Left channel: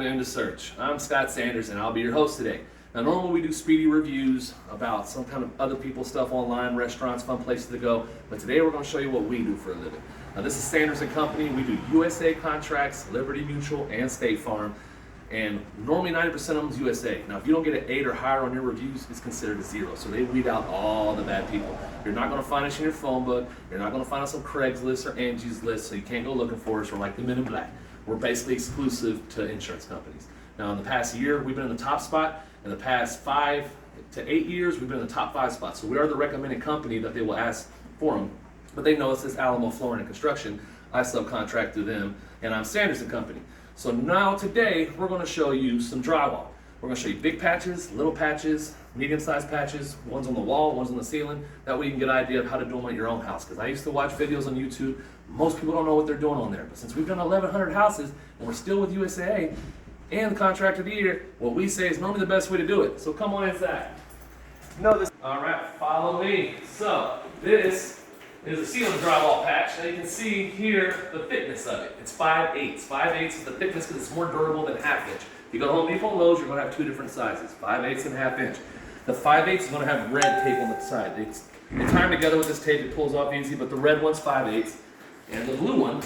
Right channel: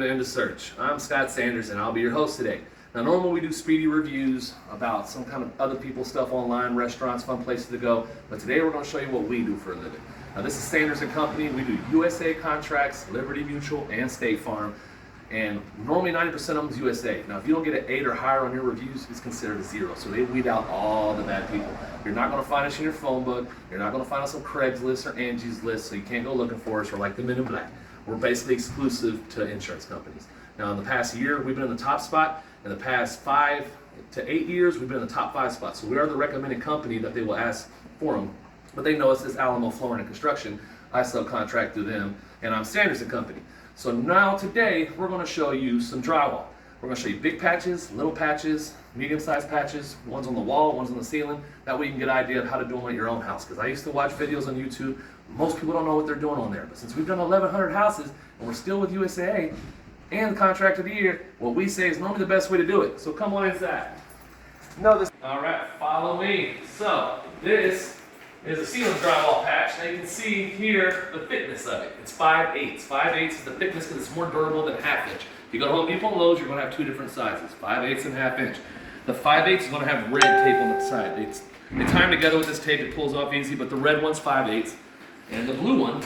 To End of Search. I'm Scott Sanders and I'll be your host today. Now normally we do speedy reviews about some kind of other people's stuff online, restaurants, fun places to go, but today we're going to show you what we do for a living. Now this is Sanders & Company. We do USAA contracts, Liberty Mutual, and State Farm, and normally 90% of them is USAA. Now if you don't get an 8 or higher on your reviews, it's considered a 0, so they weed out all the bad people. You're not going to find us in your phone book, you're not going to find us on Craigslist or Angie's List, so you can't go looking for us. We're like the Men in Black. We're basically exclusive to insurance companies. Now in the past year, we've been in the top spot. In the past 5 to 8 years, we've been in the top 5 spots. So we are the recommended company that they will ask for them. But they know us as Alamo Flooring and Construction. I subcontract through them, and I'm Sanders & Company. So now today, we're gonna show you some drywall. We're gonna show you big patches, little patches, medium-sized patches, ones on the wall, ones on the ceiling. That way you can get an idea of how to do them at your own house. Because I used to watch videos on YouTube. Most people don't know what they're doing on there. But since we've done 1,100 houses, and we're still with USAA, and the contract of the year, what we say is normally the best way to do it. So come on inside. All right, follow me. So this is a ceiling drywall patch. Now you can see here the thickness of it. It's 5/8. 5/8 is the thickness because it's more durable than 1/2 inch. If you go to Home Depot and Lowe's, you're going to have 2 different sizes, 5/8 and 1/2 inch. The 5/8 is going to have red tape on the side. You tie them together with this tape, it pulls off easy, but the red one's 5/8, and the blue one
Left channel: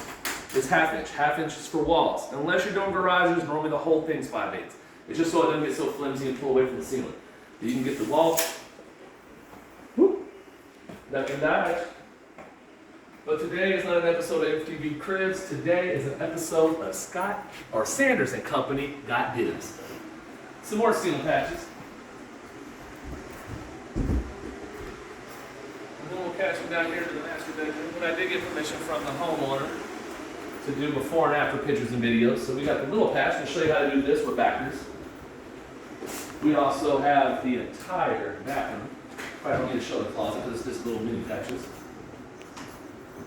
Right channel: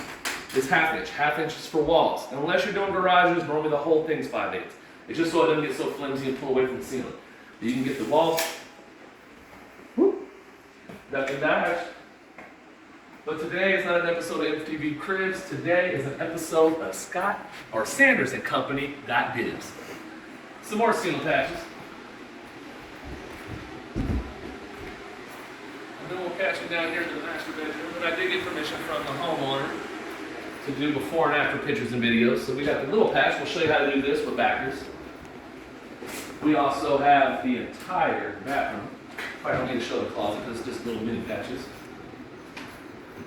is 1/2 inch. 1/2 inch is for walls. And unless you're doing garages, normally the whole thing's 5/8. It's just so it doesn't get so flimsy and pull away from the ceiling. You can get the wall, duck and dodge. But today is not an episode of FTV Cribs. Today is an episode of Scott or Sanders & Company Got Dibs. Some more ceiling patches. And then we'll catch them down here to the master bedroom. And I did get permission from the homeowner to do before and after pictures and videos. So we got the little patch. We'll show you how to do this with backers. We also have the entire bathroom. Probably don't need to show the closet because it's just little mini patches.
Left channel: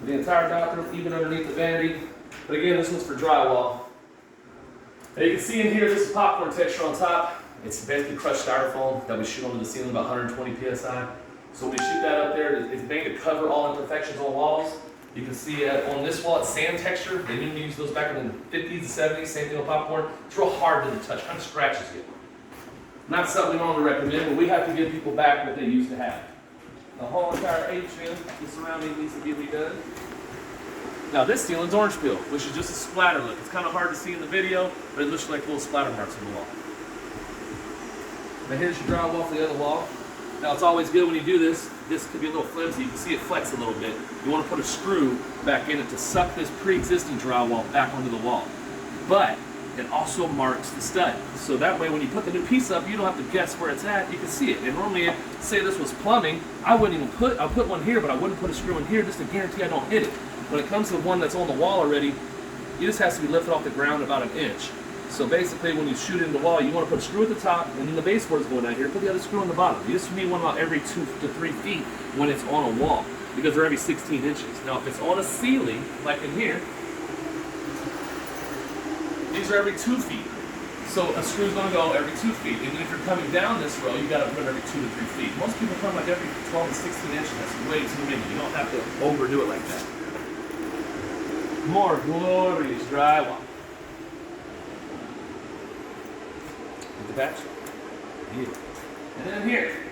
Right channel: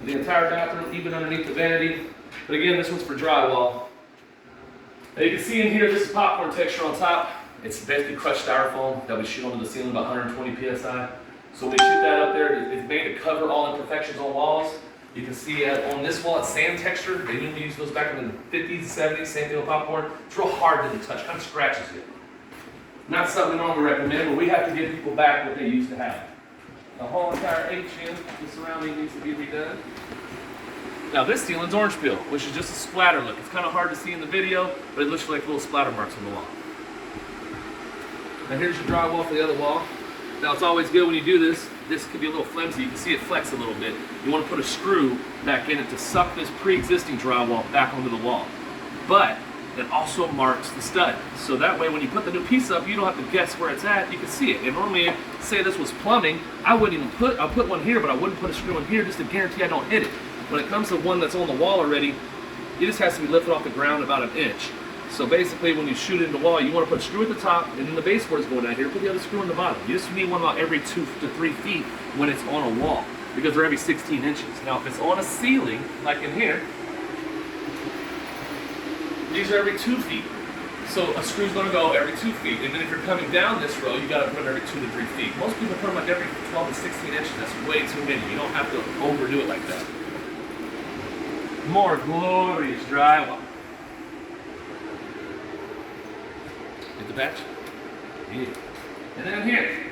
The entire bathroom, even underneath the vanity. But again, this one's for drywall. Now you can see in here, this is popcorn texture on top. It's basically crushed styrofoam that we shoot onto the ceiling about 120 PSI. So when we shoot that up there, it's made to cover all imperfections on walls. You can see on this wall, it's sand texture. They didn't use those back in the 50s and 70s, same thing with popcorn. It's real hard to touch, kind of scratches you. Not something we normally recommend, but we have to give people back what they used to have. The whole entire atrium, the surrounding needs to be redone. Now this ceiling's orange peel, which is just a splatter look. It's kind of hard to see in the video, but it looks like little splatter marks on the wall. Now here's your drywall for the other wall. Now it's always good when you do this. This could be a little flimsy. You can see it flex a little bit. You want to put a screw back in it to suck this pre-existing drywall back onto the wall. But it also marks the stud. So that way when you put the new piece up, you don't have to guess where it's at. You can see it. And normally, say this was plumbing, I'll put one here, but I wouldn't put a screw in here just to guarantee I don't hit it. When it comes to one that's on the wall already, it just has to be lifted off the ground about 1 inch. So basically when you shoot it in the wall, you want to put a screw at the top, and then the baseboard's going down here, put the other screw on the bottom. You just need one about every 2 to 3 feet when it's on a wall, because they're every 16 inches. Now if it's on a ceiling, like in here, these are every 2 feet. So a screw's gonna go every 2 feet. And then if you're coming down this row, you gotta put them every 2 to 3 feet. Most people put them like every 12 to 16 inches. That's way too many. You don't have to overdo it like that. More glorious drywall. Get the patch? Yeah. And then here,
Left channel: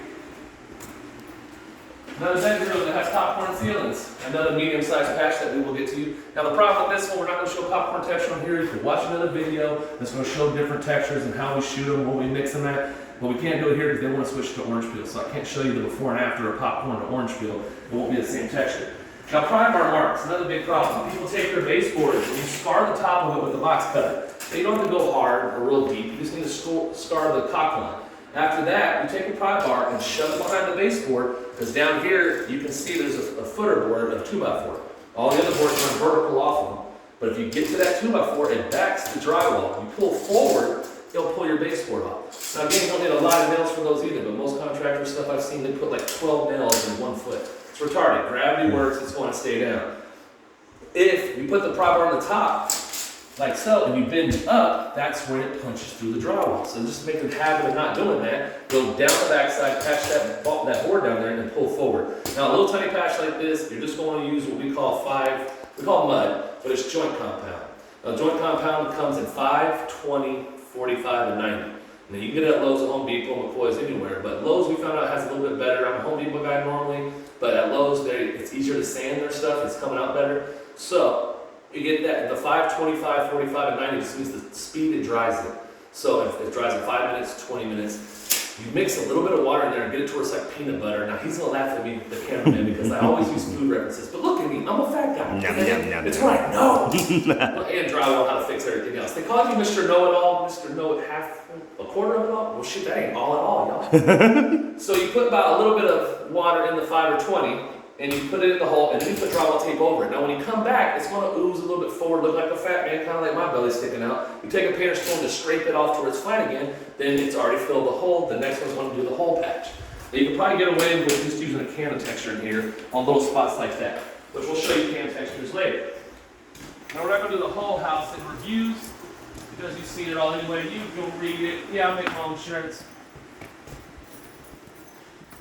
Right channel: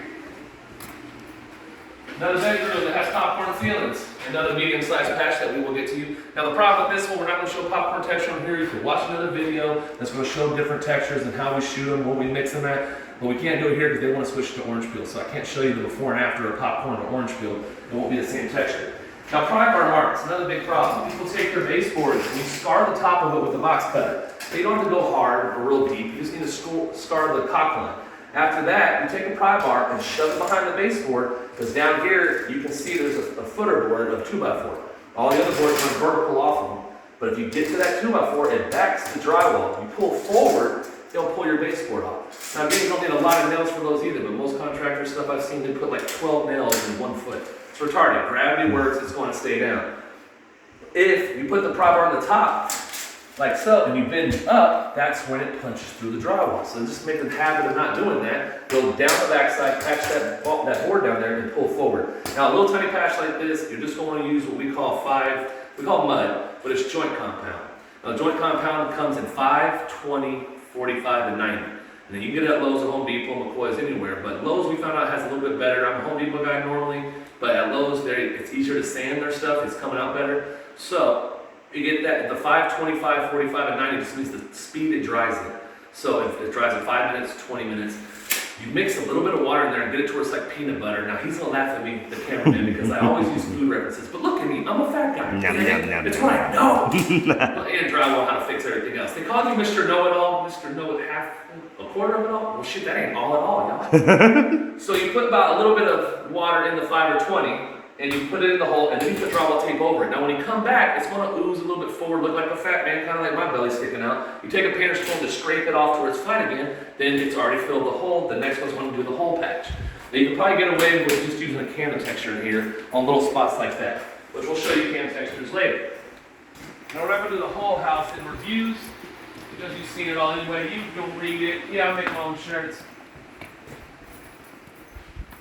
another bedroom that has popcorn ceilings. Another medium-sized patch that we will get to you. Now the problem with this one, we're not going to show popcorn texture on here. You can watch another video that's going to show different textures and how we shoot them, when we mix them at. But we can't do it here because they want to switch to orange peel. So I can't show you the before and after of popcorn or orange peel. It won't be the same texture. Now prime bar marks, another big problem. People take their baseboards and you scar the top of it with a box cut. So you don't have to go hard or real deep. You just need to scar the caulk line. After that, you take a pry bar and shove it behind the baseboard, because down here you can see there's a footer board of 2x4. All the other boards run vertical off of them. But if you get to that 2x4, it backs the drywall. You pull forward, it'll pull your baseboard off. Now again, you don't need a lot of nails for those either, but most contractor stuff I've seen, they put like 12 nails in 1 foot. It's retarded. Gravity works, it's going to stay down. If you put the pry bar on the top, like so, and you bend it up, that's when it punches through the drywall. So just make a habit of not doing that. Go down the backside, patch that board down there, and pull forward. Now a little tiny patch like this, you're just going to use what we call mud, but it's joint compound. Now joint compound comes in 5, 20, 45, and 90. And then you can get it at Lowe's or Home Depot, McCoy's, anywhere. But Lowe's, we found out, has a little bit better. I'm a Home Depot guy normally, but at Lowe's, it's easier to sand their stuff. It's coming out better. So you get that. The 5, 25, 45, and 90 just means the speed it dries it. So if it dries in 5 minutes, 20 minutes, you mix a little bit of water in there and get it to where it's like peanut butter. Now he's gonna laugh at me, the cameraman, because I always use food references. But look at me, I'm a fat guy. It's what I know. And Drywall, how to fix everything else. They called you Mr. Know-It-All, Mr. Know It Half, a quarter of it all. Well, shit, that ain't all at all, y'all. So you put about a little bit of water in the 5 or 20, and you put it in the hole, and then you put drywall tape over it. Now when you come back, it's gonna ooze a little bit forward, look like a fat man, kind of like my belly sticking out. You take a painter's comb to scrape it off to where it's flat again, then it's already filled the hole. The next one's gonna do the hole patch. Now you can probably get away with just using a can of texture in here on little spots like that, which we'll show you can textures later. Now we're not gonna do the whole house in reviews, because you've seen it all anyway. You can read it. Yeah, I make my own shirts.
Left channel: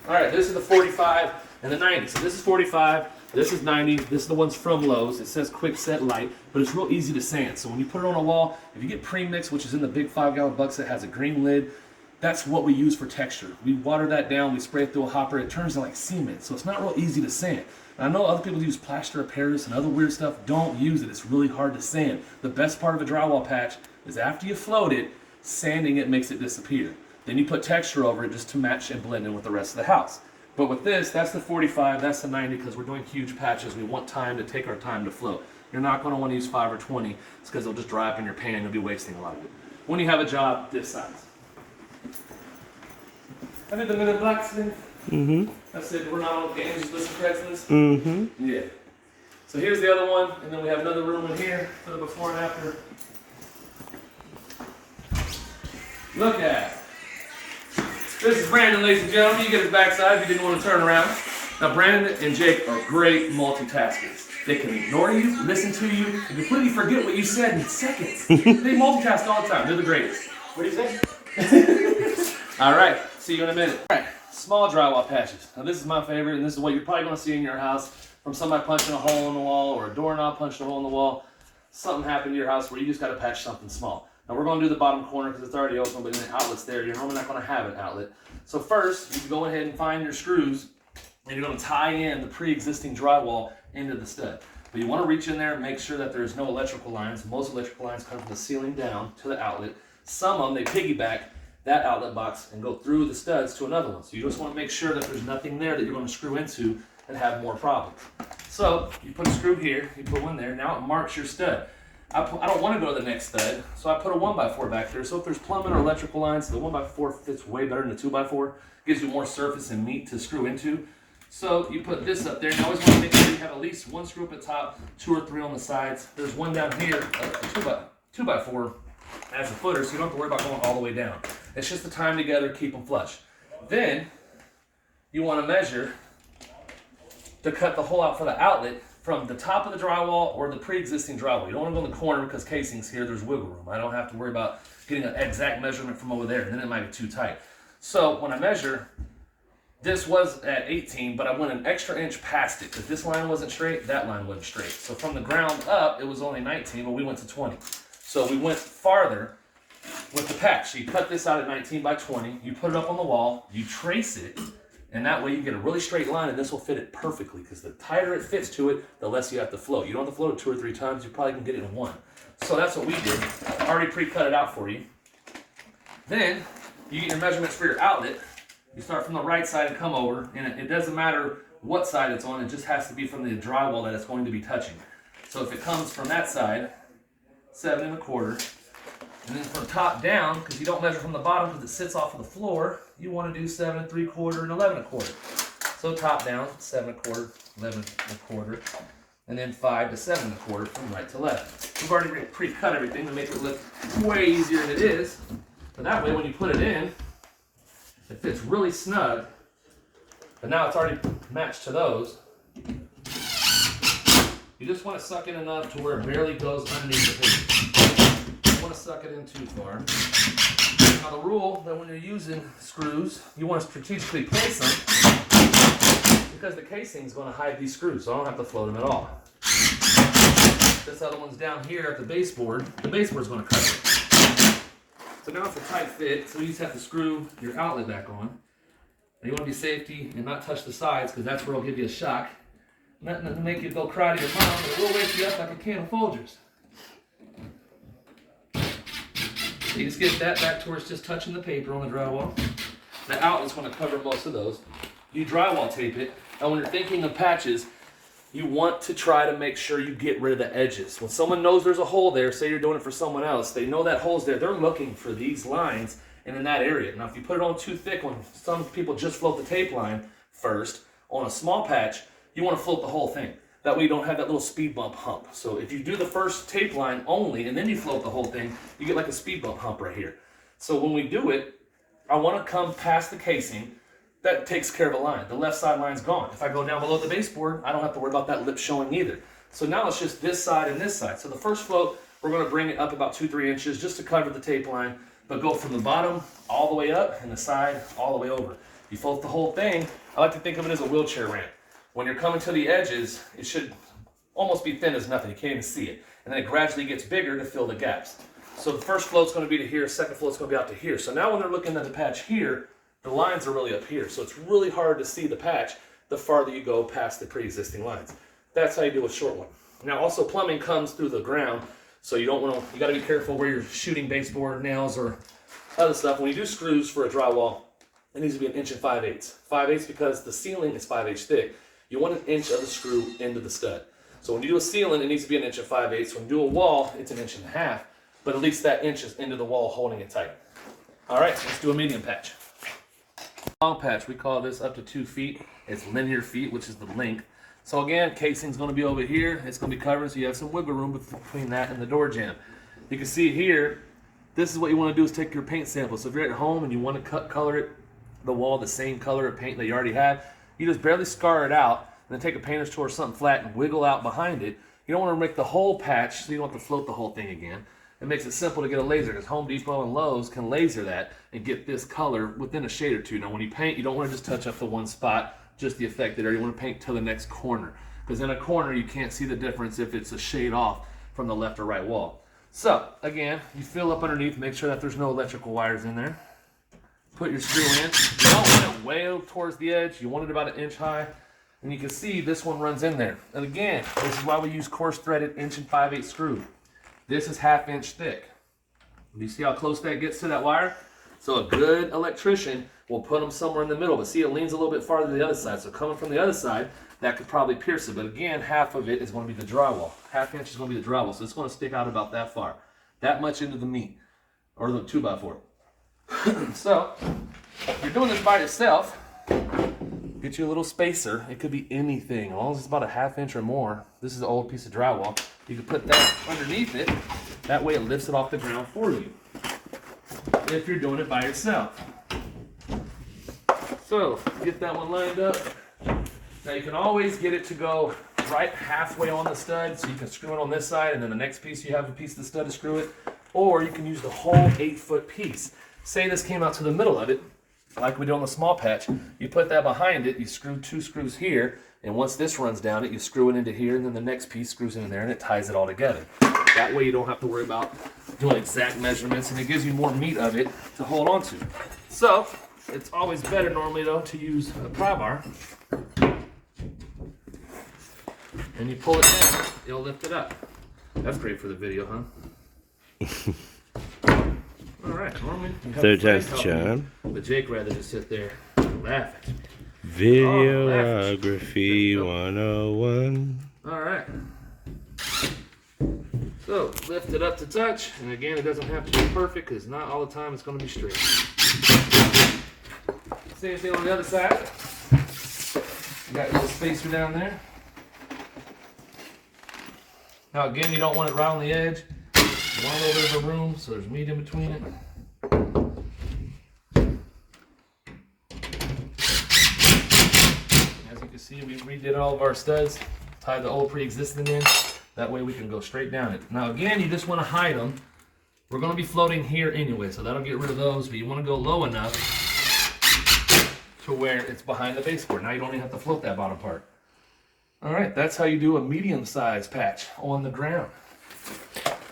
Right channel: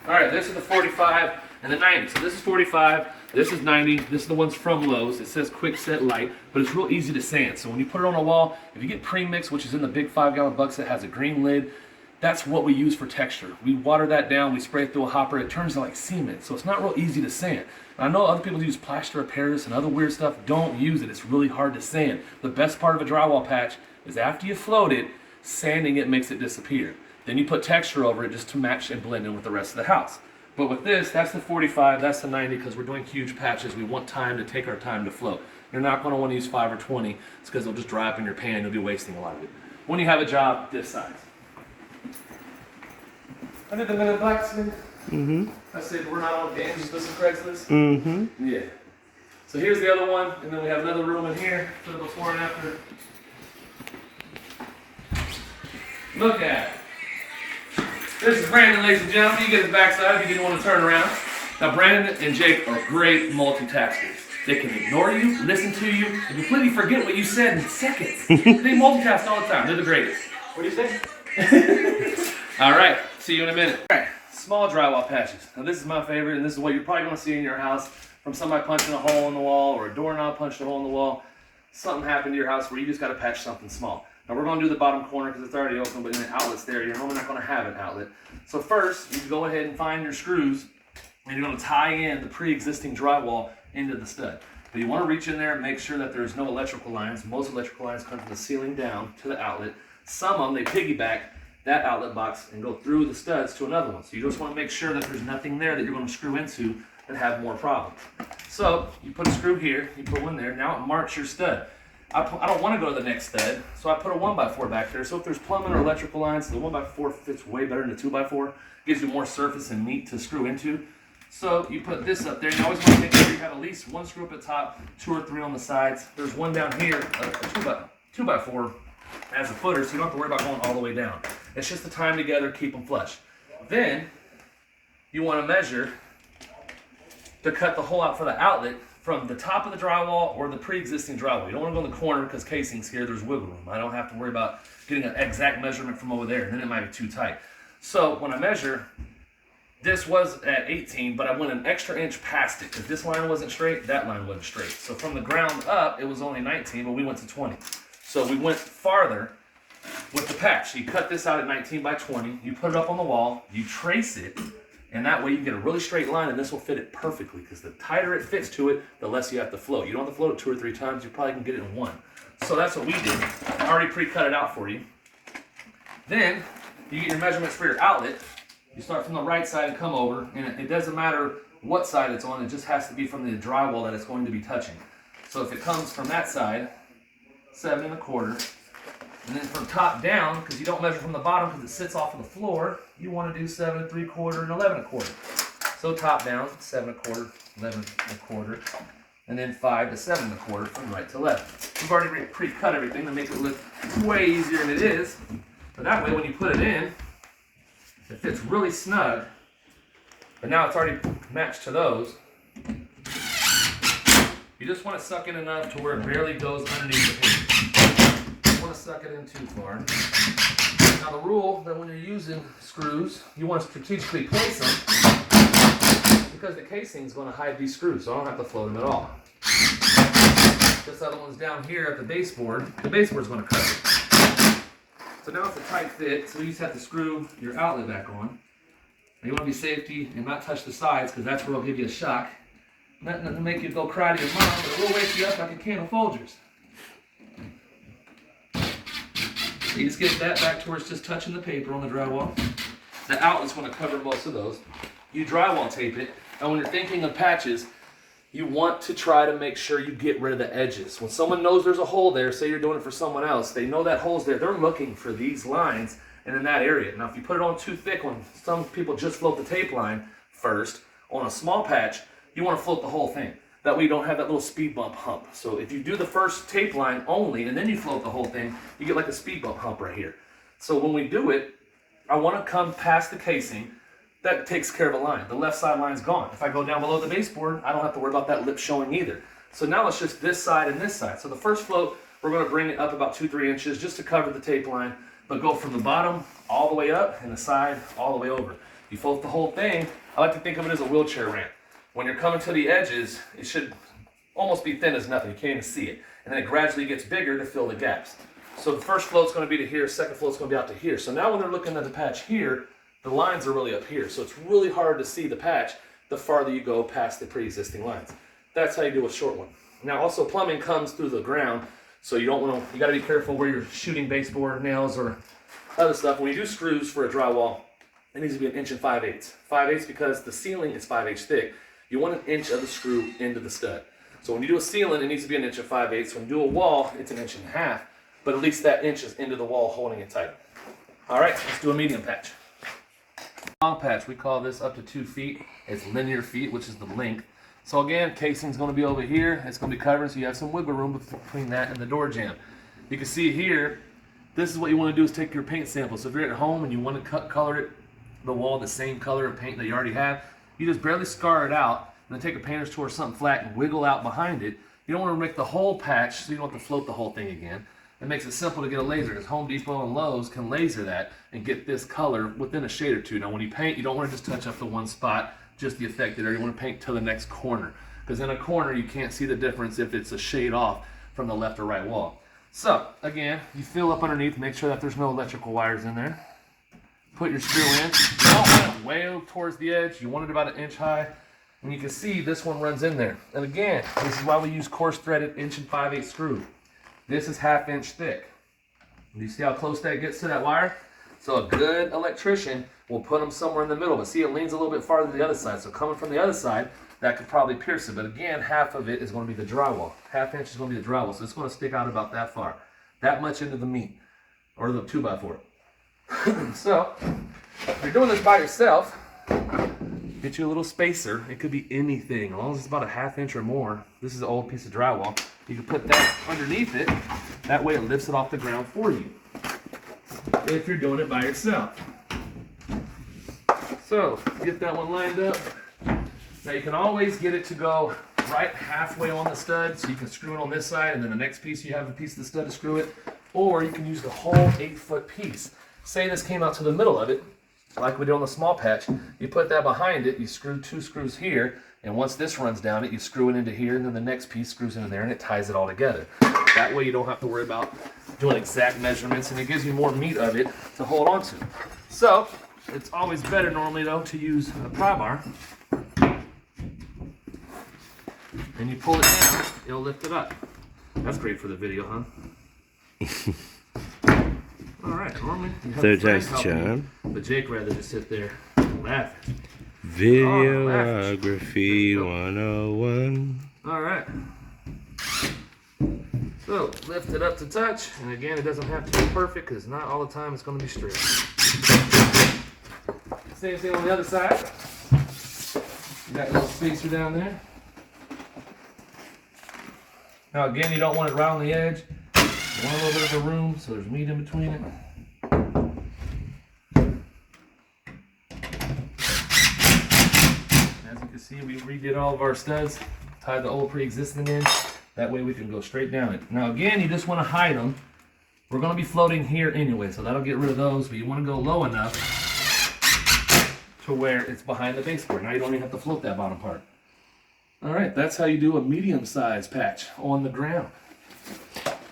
All right, this is the 45 and the 90. So this is 45, this is 90, this is the ones from Lowe's. It says quick set light, but it's real easy to sand. So when you put it on a wall, if you get premix, which is in the big 5-gallon buckets that has a green lid, that's what we use for texture. We water that down, we spray it through a hopper, it turns to like cement. So it's not real easy to sand. And I know other people use plaster of Paris and other weird stuff. Don't use it, it's really hard to sand. The best part of a drywall patch is after you float it, sanding it makes it disappear. Then you put texture over it just to match and blend in with the rest of the house. But with this, that's the 45, that's the 90, because we're doing huge patches. We want time to take our time to float. You're not going to want to use 5 or 20. It's because it'll just dry up in your pan. You'll be wasting a lot of it. When you have a job this size. I did the Men in Black thing. I said, we're not on Angie's List of Craigslist. Yeah. So here's the other one, and then we have another room in here for the before and after. Look at it. This is Brandon, ladies and gentlemen. You get his backside if you didn't want to turn around. Now, Brandon and Jake are great multitaskers. They can ignore you, listen to you, and completely forget what you said in seconds. They multitask all the time. They're the greatest. What do you say? All right. See you in a minute. All right. Small drywall patches. Now, this is my favorite, and this is what you're probably going to see in your house from somebody punching a hole in the wall or a doorknob punched a hole in the wall. Something happened to your house where you just got to patch something small. Now we're going to do the bottom corner because it's already open, but the outlet's there. You're normally not going to have an outlet. So first, you go ahead and find your screws, and you're going to tie in the pre-existing drywall into the stud. But you want to reach in there and make sure that there's no electrical lines. Most electrical lines come from the ceiling down to the outlet. Some of them, they piggyback that outlet box and go through the studs to another one. So you just want to make sure that there's nothing there that you're going to screw into and have more problems. So you put a screw here, you put one there. Now it marks your stud. I don't want to go to the next stud, so I put a 1x4 back there. So if there's plumbing or electrical lines, the 1x4 fits way better than the 2x4. Gives you more surface and meat to screw into. So you put this up there. You always want to make sure you have at least one screw up at the top, 2 or 3 on the sides. There's one down here, a 2x4 as a footer, so you don't have to worry about going all the way down. It's just the time together, keep them flush. Then you want to measure to cut the hole out for the outlet from the top of the drywall or the pre-existing drywall. You don't want to go in the corner because casing's here, there's wiggle room. I don't have to worry about getting an exact measurement from over there, and then it might be too tight. So when I measure, this was at 18, but I went an extra inch past it because this line wasn't straight, that line wasn't straight. So from the ground up, it was only 19, but we went to 20. So we went farther with the patch. So you cut this out at 19 by 20, you put it up on the wall, you trace it, and that way you get a really straight line, and this will fit it perfectly because the tighter it fits to it, the less you have to float. You don't have to float it 2 or 3 times, you probably can get it in 1. So that's what we did. I already pre-cut it out for you. Then you get your measurements for your outlet. You start from the right side and come over, and it doesn't matter what side it's on, it just has to be from the drywall that it's going to be touching. So if it comes from that side, 7 1/4. And then from top down, because you don't measure from the bottom because it sits off of the floor, you want to do 7 3/4 and 11 1/4. So top down, 7 1/4, 11 1/4, and then 5 to 7 1/4 from right to left. We've already pre-cut everything to make it look way easier than it is. But that way, when you put it in, it fits really snug. But now it's already matched to those. You just want to suck in enough to where it barely goes underneath the hinge. You don't want to suck it in too far. Now the rule that when you're using screws, you want to strategically place them because the casing is going to hide these screws, so I don't have to float them at all. This other one's down here at the baseboard. The baseboard's going to cover it. So now it's a tight fit, so you just have to screw your outlet back on. And you want to be safety and not touch the sides, because that's where it'll give you a shock. Nothing to make you go cry to your mom, but it will wake you up like a can of Folgers. So you just get that back to where it's just touching the paper on the drywall. The outlet's going to cover most of those. You drywall tape it, and when you're thinking of patches, you want to try to make sure you get rid of the edges. When someone knows there's a hole there, say you're doing it for someone else, they know that hole's there, they're looking for these lines and in that area. Now if you put it on too thick, when some people just float the tape line first, on a small patch, you want to float the whole thing. That way you don't have that little speed bump hump. So if you do the first tape line only and then you float the whole thing, you get like a speed bump hump right here. So when we do it, I want to come past the casing. That takes care of a line. The left side line's gone. If I go down below the baseboard, I don't have to worry about that lip showing either. So now it's just this side and this side. So the first float, we're going to bring it up about 2-3 inches just to cover the tape line, but go from the bottom all the way up and the side all the way over. You float the whole thing. I like to think of it as a wheelchair ramp. When you're coming to the edges, it should almost be thin as nothing. You can't even see it. And then it gradually gets bigger to fill the gaps. So the first float's going to be to here, second float's going to be out to here. So now when they're looking at the patch here, the lines are really up here. So it's really hard to see the patch the farther you go past the pre-existing lines. That's how you do a short one. Now also plumbing comes through the ground, so you don't want to, you got to be careful where you're shooting baseboard nails or other stuff. When you do screws for a drywall, it needs to be 1 5/8 inches. 5/8 inches because the ceiling is 5/8 thick. You want 1 inch of the screw into the stud. So when you do a ceiling, it needs to be 1 5/8 inches. When you do a wall, it's 1.5 inches, but at least that inch is into the wall holding it tight. All right, let's do a medium patch. Long patch, we call this up to 2 feet. It's linear feet, which is the length. So again, casing's going to be over here. It's going to be covered, so you have some wiggle room between that and the door jamb. You can see here, this is what you want to do is take your paint sample. So if you're at home and you want to color it, the wall the same color of paint that you already have, you just barely scar it out and then take a painter's tool or something flat and wiggle out behind it. You don't want to make the whole patch, so you don't have to float the whole thing again. It makes it simple to get a laser, because Home Depot and Lowe's can laser that and get this color within a shade or two. Now when you paint, you don't want to just touch up the one spot, just the affected area. You want to paint to the next corner, because in a corner you can't see the difference if it's a shade off from the left or right wall. So again, you fill up underneath, make sure that there's no electrical wires in there. Put your screw in. You don't want it way towards the edge. You want it about 1 inch high. And you can see this one runs in there. And again, this is why we use coarse threaded 1 5/8 inch screw. This is 1/2 inch thick. Do you see how close that gets to that wire? So a good electrician will put them somewhere in the middle, but see, it leans a little bit farther to the other side. So coming from the other side, that could probably pierce it. But again, half of it is going to be the drywall. 1/2 inch is going to be the drywall. So it's going to stick out about that far. That much into the meat, or the 2x4. So if you're doing this by yourself, get you a little spacer. It could be anything, as long as it's about 1/2 inch or more. This is an old piece of drywall. You can put that underneath it. That way it lifts it off the ground for you, if you're doing it by yourself. So get that one lined up. Now you can always get it to go right halfway on the stud, so you can screw it on this side, and then the next piece you have a piece of the stud to screw it, or you can use the whole 8-foot piece. Say this came out to the middle of it, like we do on the small patch. You put that behind it, you screw 2 screws here, and once this runs down it, you screw it into here, and then the next piece screws in there, and it ties it all together. That way you don't have to worry about doing exact measurements, and it gives you more meat of it to hold on to. So it's always better normally though to use a pry bar, and you pull it down, it'll lift it up. That's great for the video, huh? All right, normally Third time's the charm. But Jake rather just sit there laughing. Videography 101. All right. So lift it up to touch, and again, it doesn't have to be perfect because not all the time it's going to be straight. Same thing on the other side. You got a little spacer down there. Now again, you don't want it right on the edge. You want a little bit of a room so there's meat in between it. As you can see, we redid all of our studs, tied the old pre-existing in. That way we can go straight down it. Now again, you just want to hide them. We're going to be floating here anyway, so that'll get rid of those, but you want to go low enough to where it's behind the baseboard. Now you don't even have to float that bottom part. All right, that's how you do a medium-sized patch on the ground.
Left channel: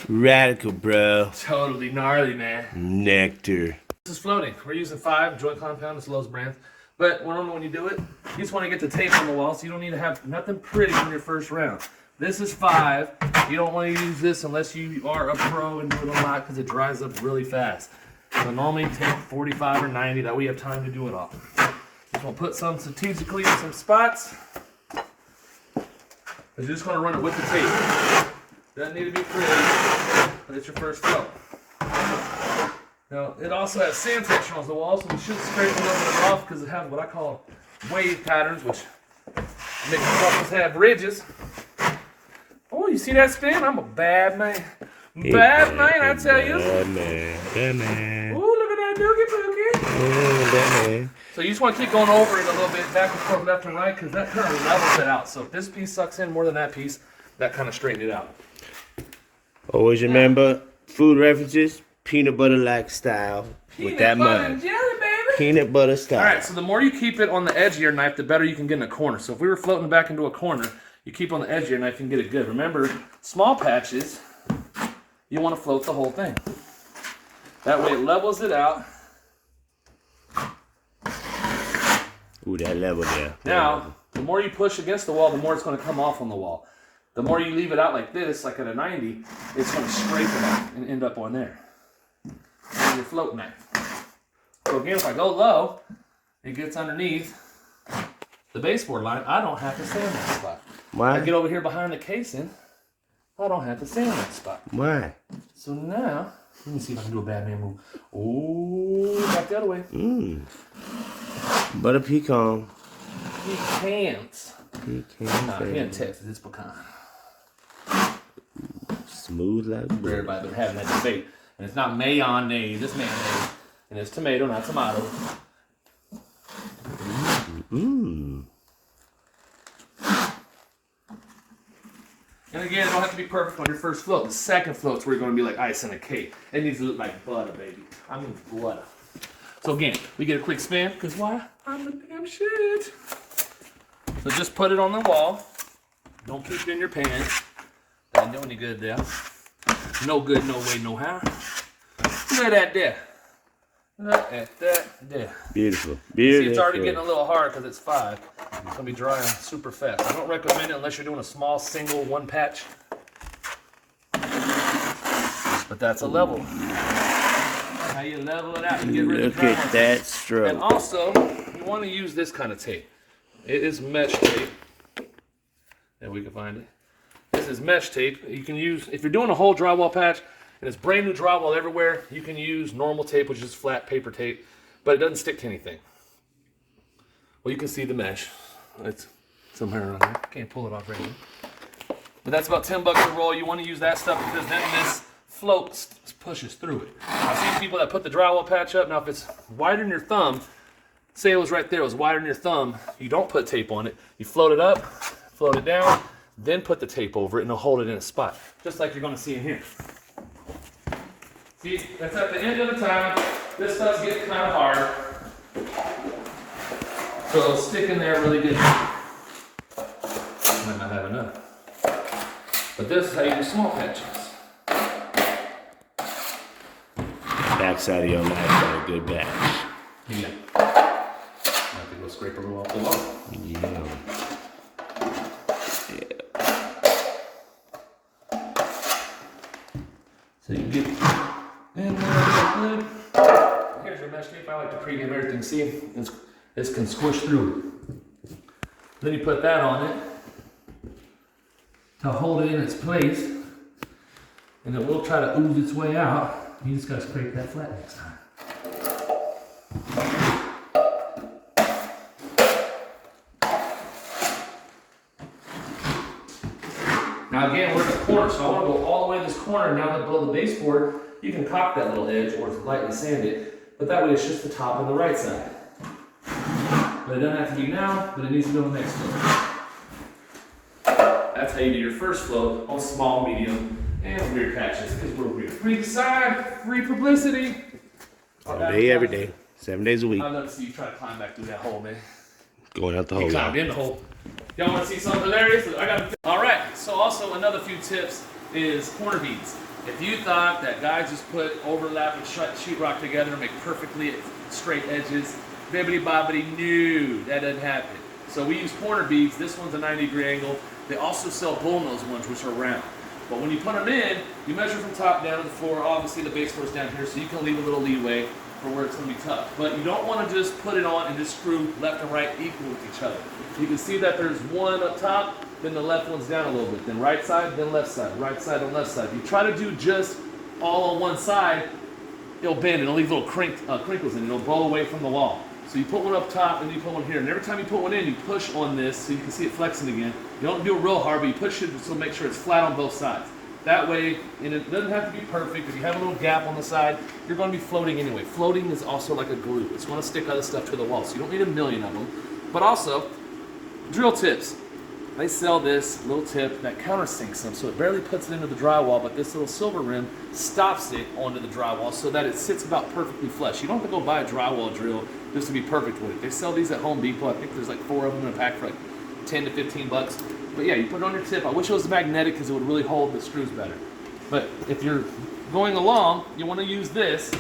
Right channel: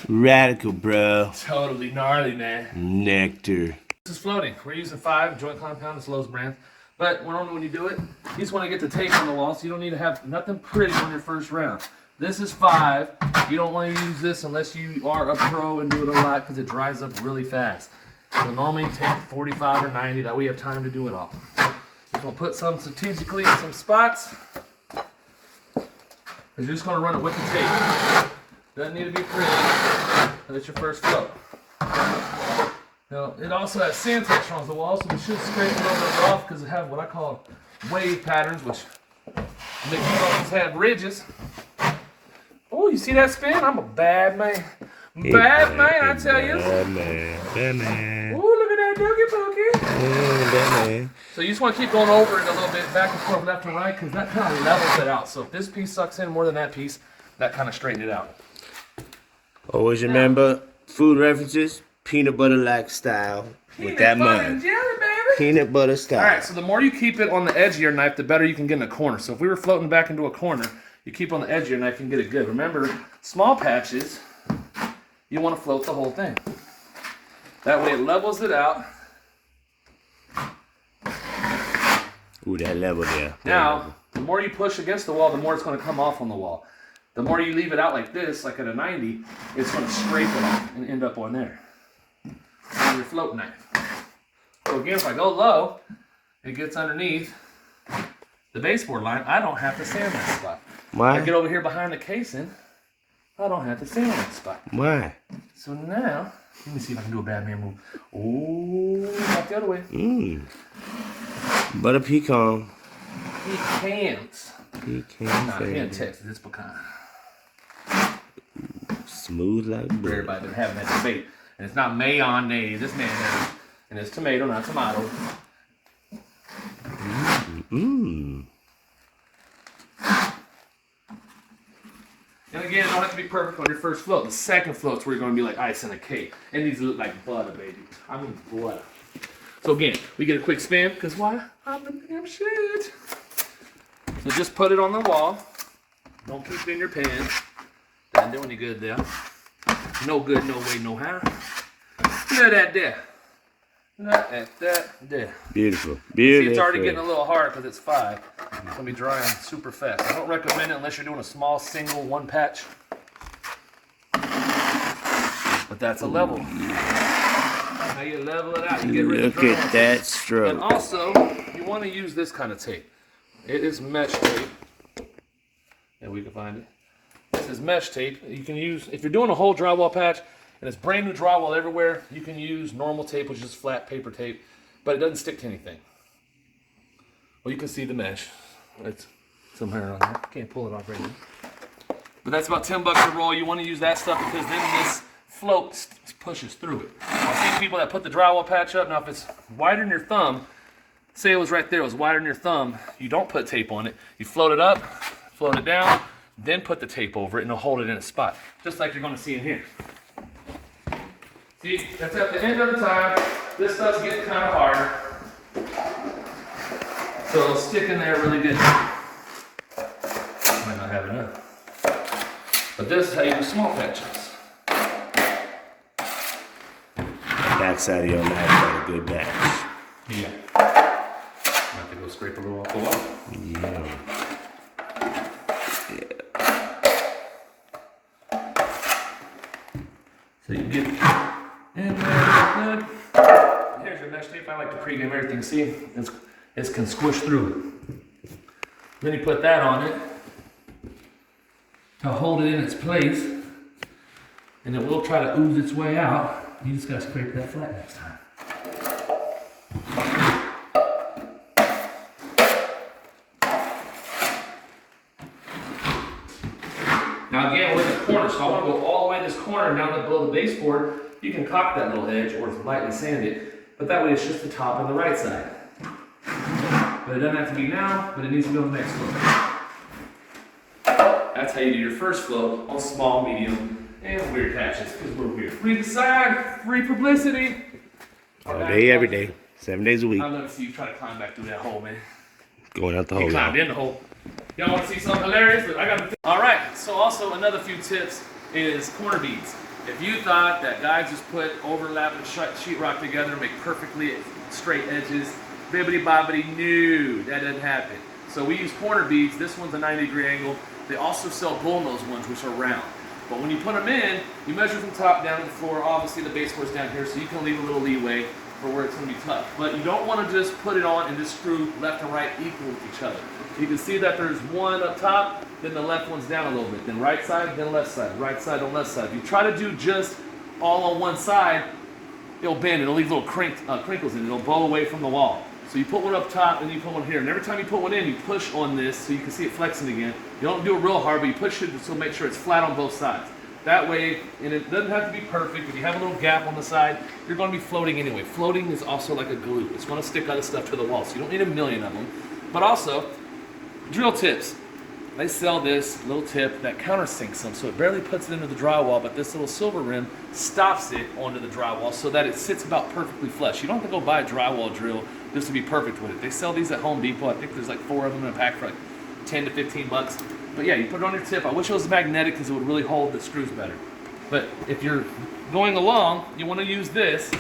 Radical, bro. Totally gnarly, man. Nectar. This is floating. We're using 5 joint compound, it's Lowe's brand. But normally when you do it, you just want to get the tape on the wall, so you don't need to have nothing pretty on your first round. This is 5. You don't want to use this unless you are a pro and do it a lot, because it dries up really fast. So normally take 45 or 90, that way you have time to do it all. Just want to put some strategically in some spots. You're just going to run it with the tape. Doesn't need to be pretty, but it's your first float. Now, it also has sand texture on the wall, so we should scrape a little bit off because it has what I call wave patterns, which makes it have ridges. Oh, you see that spin? I'm a bad man. Bad man, I tell you. Bad man. Bad man. Ooh, look at that doogie boogie. Bad man. So you just want to keep going over it a little bit, back and forth, left and right, because that kind of levels it out. So if this piece sucks in more than that piece, that kind of straightens it out. Always remember, food references, peanut butter like style with that mud. Jelly, baby. Peanut butter style. All right, so the more you keep it on the edge of your knife, the better you can get in a corner. So if we were floating back into a corner, you keep on the edge of your knife and get it good. Remember, small patches, you want to float the whole thing. That way it levels it out. Ooh, that level there. Now, the more you push against the wall, the more it's going to come off on the wall. The more you leave it out like this, like at a 90, it's going to scrape it off and end up on there. On your float knife. So again, if I go low, it gets underneath the baseboard line. I don't have to sand that spot. Why? I get over here behind the casing, I don't have to sand that spot. Why? So now, let me see if I can do a bad man move. Oh, back the other way. Butter pecan. Pecans. Pecan. Not here in Texas, it's pecan. Smooth like butter. Everybody's been having that debate. And it's not mayonnaise, it's mayonnaise. And it's tomato, not tomato. Mmm. And again, it don't have to be perfect on your first float. The second float's where you're going to be like ice on a cake. It needs to look like butter, baby. I mean butter. So again, we get a quick spin, because why? I'm the damn shit. So just put it on the wall. Don't keep it in your pan. Doesn't do any good there. No good, no way, no how. Look at that there. Look at that there. Beautiful. Beautiful. See, it's already getting a little hard because it's 5. It's going to be drying super fast. I don't recommend it unless you're doing a small single one patch. But that's a level. How you level it out, you get rid of the Look drywall. at that stroke. And also, you want to use this kind of tape. It is mesh tape. And we can find it. This is mesh tape. You can use, if you're doing a whole drywall patch, and it's brand new drywall everywhere, you can use normal tape, which is flat paper tape, but it doesn't stick to anything. Well, you can see the mesh. It's somewhere around there. Can't pull it off right now. But that's about $10 a roll. You want to use that stuff because then this float pushes through it. I've seen people that put the drywall patch up. Now, if it's wider than your thumb, say it was right there, it was wider than your thumb, you don't put tape on it. You float it up, float it down, then put the tape over it, and it'll hold it in a spot, just like you're going to see in here. See, that's at the end of the time. This stuff's getting kind of hard. So it'll stick in there really good. Might not have enough. But this is how you do small patches. Backside of your knife got a good batch. Yeah. Might have to go scrape a little off the wall. Yeah. So you can get in there good. Here's your mesh tape. I like to pregame everything. See, it can squish through it. Then you put that on it to hold it in its place, and it will try to ooze its way out. You just gotta scrape that flat next time. Now again, we're in the corner, so I want to go all the way to this corner now that below the baseboard. You can cock that little edge or lightly sand it, but that way it's just the top on the right side. But it doesn't have to be now, but it needs to be on the next float. That's how you do your first float on small, medium, and weird patches, because we're weird. Free decide, free publicity. All day, every day. 7 days a week. I'd love to see you try to climb back through that hole, man. Going out the You hole climbed now. in the hole. Y'all want to see something hilarious? I got. All right. So also another few tips is corner beads. If you thought that guys just put overlap and sheetrock together and make perfectly straight edges, bibbity bobbity, no, that doesn't happen. So we use corner beads. This one's a 90-degree angle. They also sell bullnose ones, which are round. But when you put them in, you measure from top down to the floor. Obviously, the base floor's down here, so you can leave a little leeway for where it's going to be tough. But you don't want to just put it on and just screw left and right equal with each other. You can see that there's one up top, then the left one's down a little bit. Then right side, then left side. Right side, then left side. If you try to do just all on one side, it'll bend. It'll leave little crinkles in it. It'll blow away from the wall. So you put one up top and you put one here. And every time you put one in, you push on this so you can see it flexing again. You don't do it real hard, but you push it to make sure it's flat on both sides. That way, and it doesn't have to be perfect. If you have a little gap on the side, you're going to be floating anyway. Floating is also like a glue. It's going to stick other stuff to the wall. So you don't need a million of them. But also, drill tips. They sell this little tip that countersinks them, so it barely puts it into the drywall, but this little silver rim stops it onto the drywall so that it sits about perfectly flush. You don't have to go buy a drywall drill just to be perfect with it. They sell these at Home Depot. I think there's like 4 of them in a pack for like 10 to 15 bucks. But yeah, you put it on your tip. I wish it was magnetic because it would really hold the screws better. But if you're going along, you want to use this.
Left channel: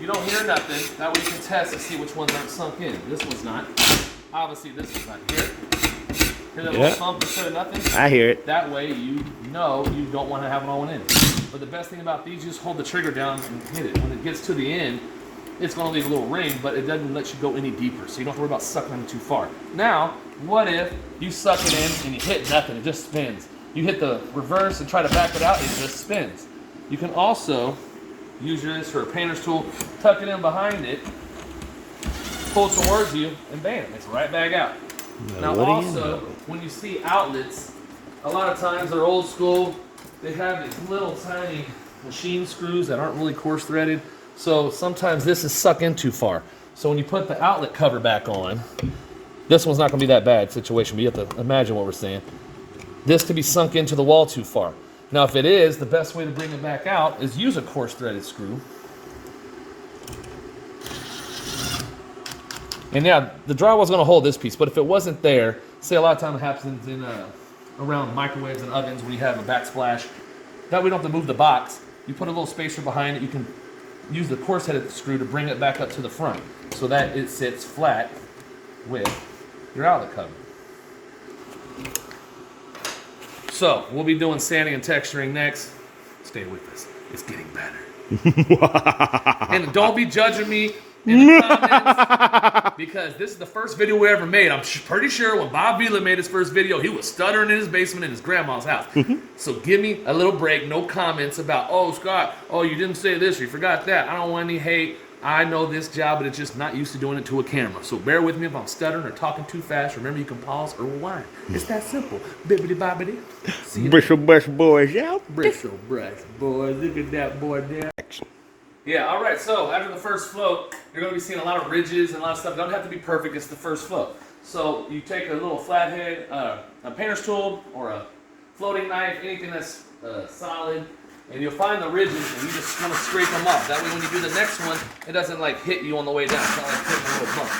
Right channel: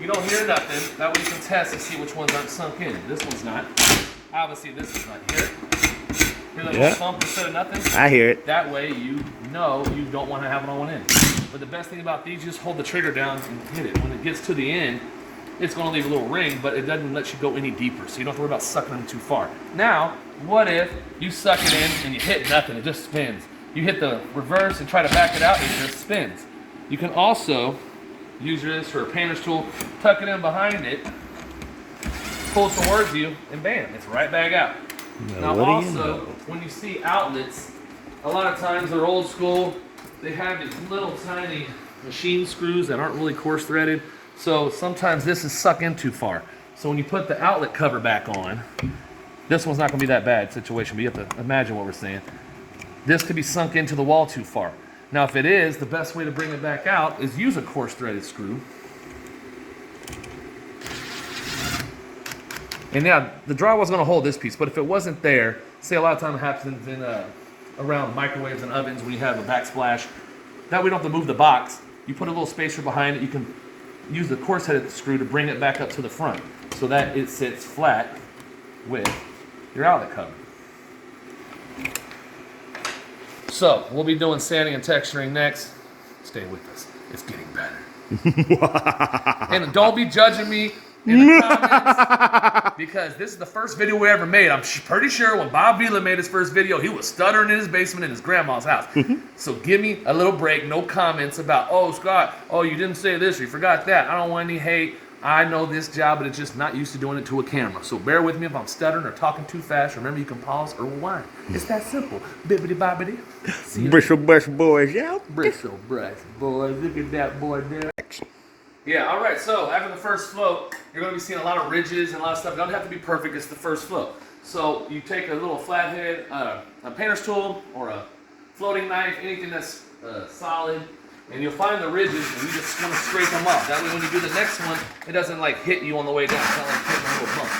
You don't hear nothing. That way you can test to see which ones aren't sunk in. This one's not. Obviously, this is not. Hear that little thump instead of nothing? I hear it. That way you know you don't want to have it on one end. But the best thing about these, you just hold the trigger down and hit it. When it gets to the end, it's going to leave a little ring, but it doesn't let you go any deeper. So you don't have to worry about sucking them too far. Now, what if you suck it in and you hit nothing? It just spins. You hit the reverse and try to back it out, it just spins. You can also use this for a painter's tool, tuck it in behind it, pull it towards you, and bam, it's right back out. Now also, when you see outlets, a lot of times they're old school. They have these little tiny machine screws that aren't really coarse threaded. So sometimes this is sucked in too far. So when you put the outlet cover back on, this one's not going to be that bad situation, but you have to imagine what we're saying. This could be sunk into the wall too far. Now if it is, the best way to bring it back out is use a coarse threaded screw. And yeah, the drywall's going to hold this piece, but if it wasn't there, say a lot of time it happens in around microwaves and ovens when you have a backsplash. That way you don't have to move the box. You put a little spacer behind it. You can use the coarse-headed screw to bring it back up to the front so that it sits flat with your outlet cover. So we'll be doing sanding and texturing next. Stay with us. It's getting better. And don't be judging me in the comments because this is the first video we ever made. I'm pretty sure when Bob Vila made his first video, he was stuttering in his basement in his grandma's house. So give me a little break. No comments about, oh, Scott, oh, you didn't say this or you forgot that. I don't want any hate. I know this job, but it's just not used to doing it to a camera. So bear with me if I'm stuttering or talking too fast. Remember, you can pause or rewind. It's that simple. Bibbidi bobbidi. Bristle brush boys out. Bristle brush boys. Look at that boy there. Yeah, all right, so after the first float, you're going to be seeing a lot of ridges and a lot of stuff. It doesn't have to be perfect. It's the first float. So you take a little flathead, a painter's tool, or a floating knife, anything that's solid, and you'll find the ridges, and you just want to scrape them off. That way when you do the next one, it doesn't like hit you on the way down. It's not like hitting a little bump.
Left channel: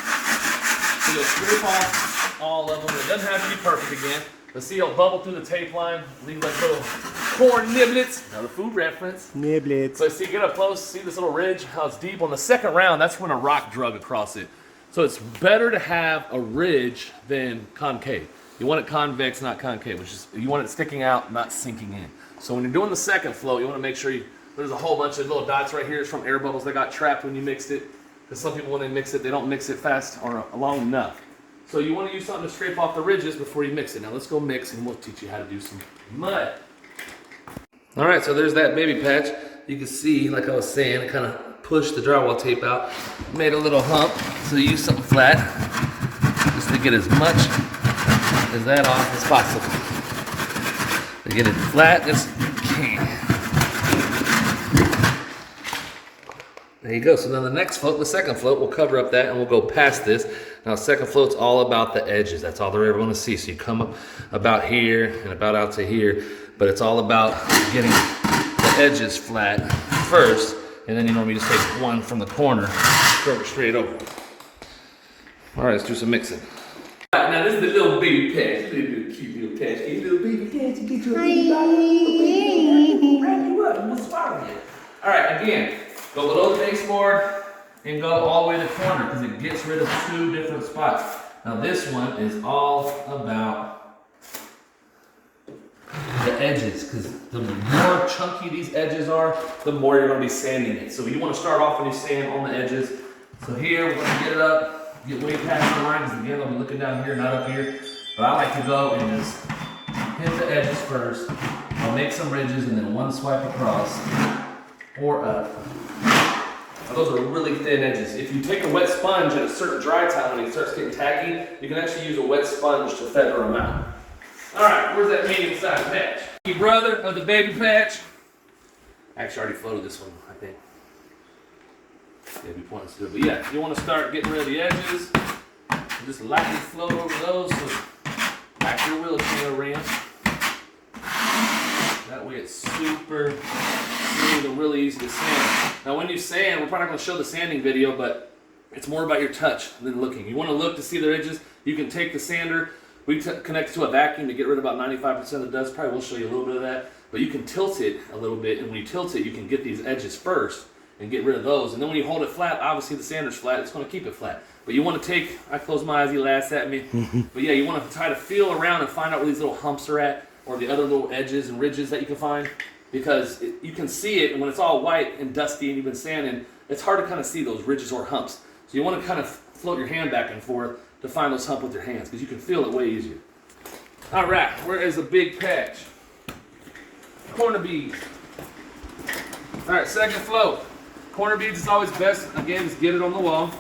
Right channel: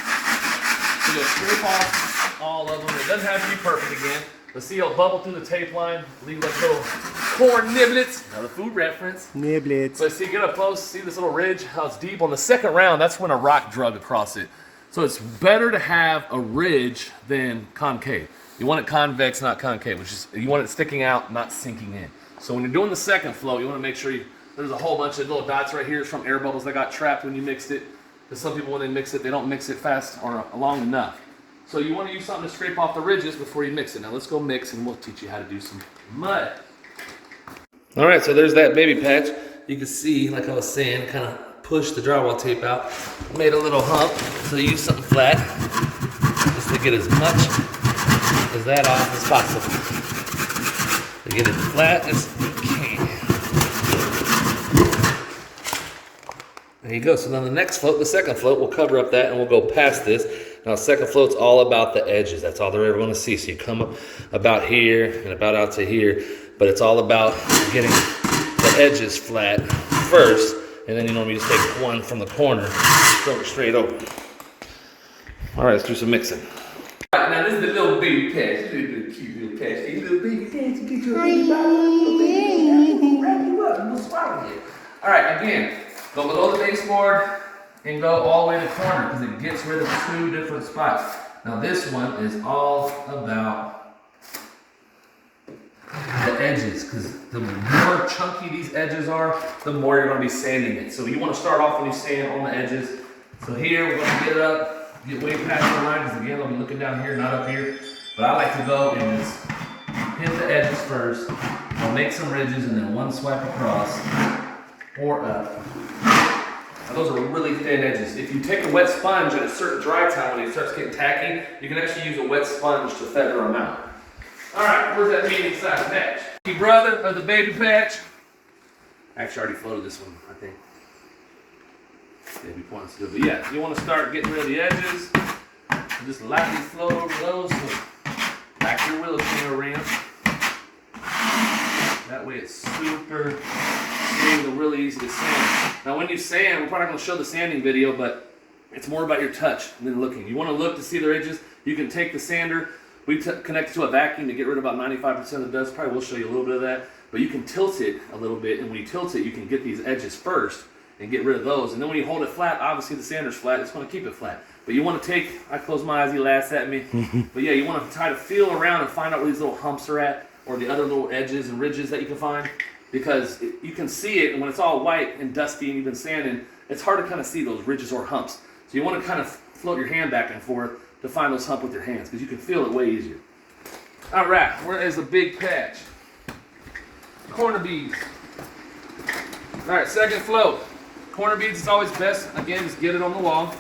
So you'll scrape off all of them. It doesn't have to be perfect again. But see, it'll bubble through the tape line, leave like little corn niblets. Another food reference. Niblets. So see, get up close, see this little ridge, how it's deep. On the second round, that's when a rock drug across it. So it's better to have a ridge than concave. You want it convex, not concave, which is, you want it sticking out, not sinking in. So when you're doing the second float, you want to make sure there's a whole bunch of little dots right here from air bubbles that got trapped when you mixed it. Because some people, when they mix it, they don't mix it fast or long enough. So you want to use something to scrape off the ridges before you mix it. Now let's go mix and we'll teach you how to do some mud. All right, so there's that baby patch. You can see, like I was saying, it kind of pushed the drywall tape out, made a little hump. So you use something flat just to get as much as that off as possible. To get it flat as you can. There you go. So then the next float, the second float, we'll cover up that and we'll go past this. Now, second float's all about the edges. That's all they're ever going to see. So you come up about here and about out to here, but it's all about getting the edges flat first, and then you normally just take one from the corner, throw it straight over. All right, let's do some mixing. All right, now this is the little baby patch. This is a cute little patch. Hey, little baby patch, you get your little baby wrap you what's wrong with you? All right, again, go below the baseboard and go all the way to the corner because it gets rid of 2 different spots. Now this one is all about the edges, because the more chunky these edges are, the more you're going to be sanding it. So you want to start off when you sand on the edges. So here we're going to get it up, get way past the line, because again I'll be looking down here, not up here. But I like to go and just hit the edges first. I'll make some ridges and then one swipe across or up. Now those are really thin edges. If you take a wet sponge and a certain dry time when it starts getting tacky, you can actually use a wet sponge to feather them out. All right, where's that medium sized patch? Your brother of the baby patch. Actually, I already floated this one, I think. Maybe points to it. But yeah, you want to start getting rid of the edges. Just lightly float over those. So back your wheel cleaner ramp. That way it's super smooth and really easy to sand. Now when you sand, we're probably not going to show the sanding video, but it's more about your touch than looking. You want to look to see the edges. You can take the sander. We connect it to a vacuum to get rid of about 95% of the dust. Probably will show you a little bit of that. But you can tilt it a little bit, and when you tilt it, you can get these edges first and get rid of those. And then when you hold it flat, obviously the sander's flat. It's going to keep it flat. But you want to take, I close my eyes, he laughs at me. But yeah, you want to try to feel around and find out where these little humps are at, or the other little edges and ridges that you can find. Because you can see it, and when it's all white and dusty and you've been sanding, it's hard to kind of see those ridges or humps. So you want to kind of float your hand back and forth to find those humps with your hands, because you can feel it way easier. All right, where is the big patch? Corner beads. All right, second float. Corner beads is always best. Again, just get it on the wall.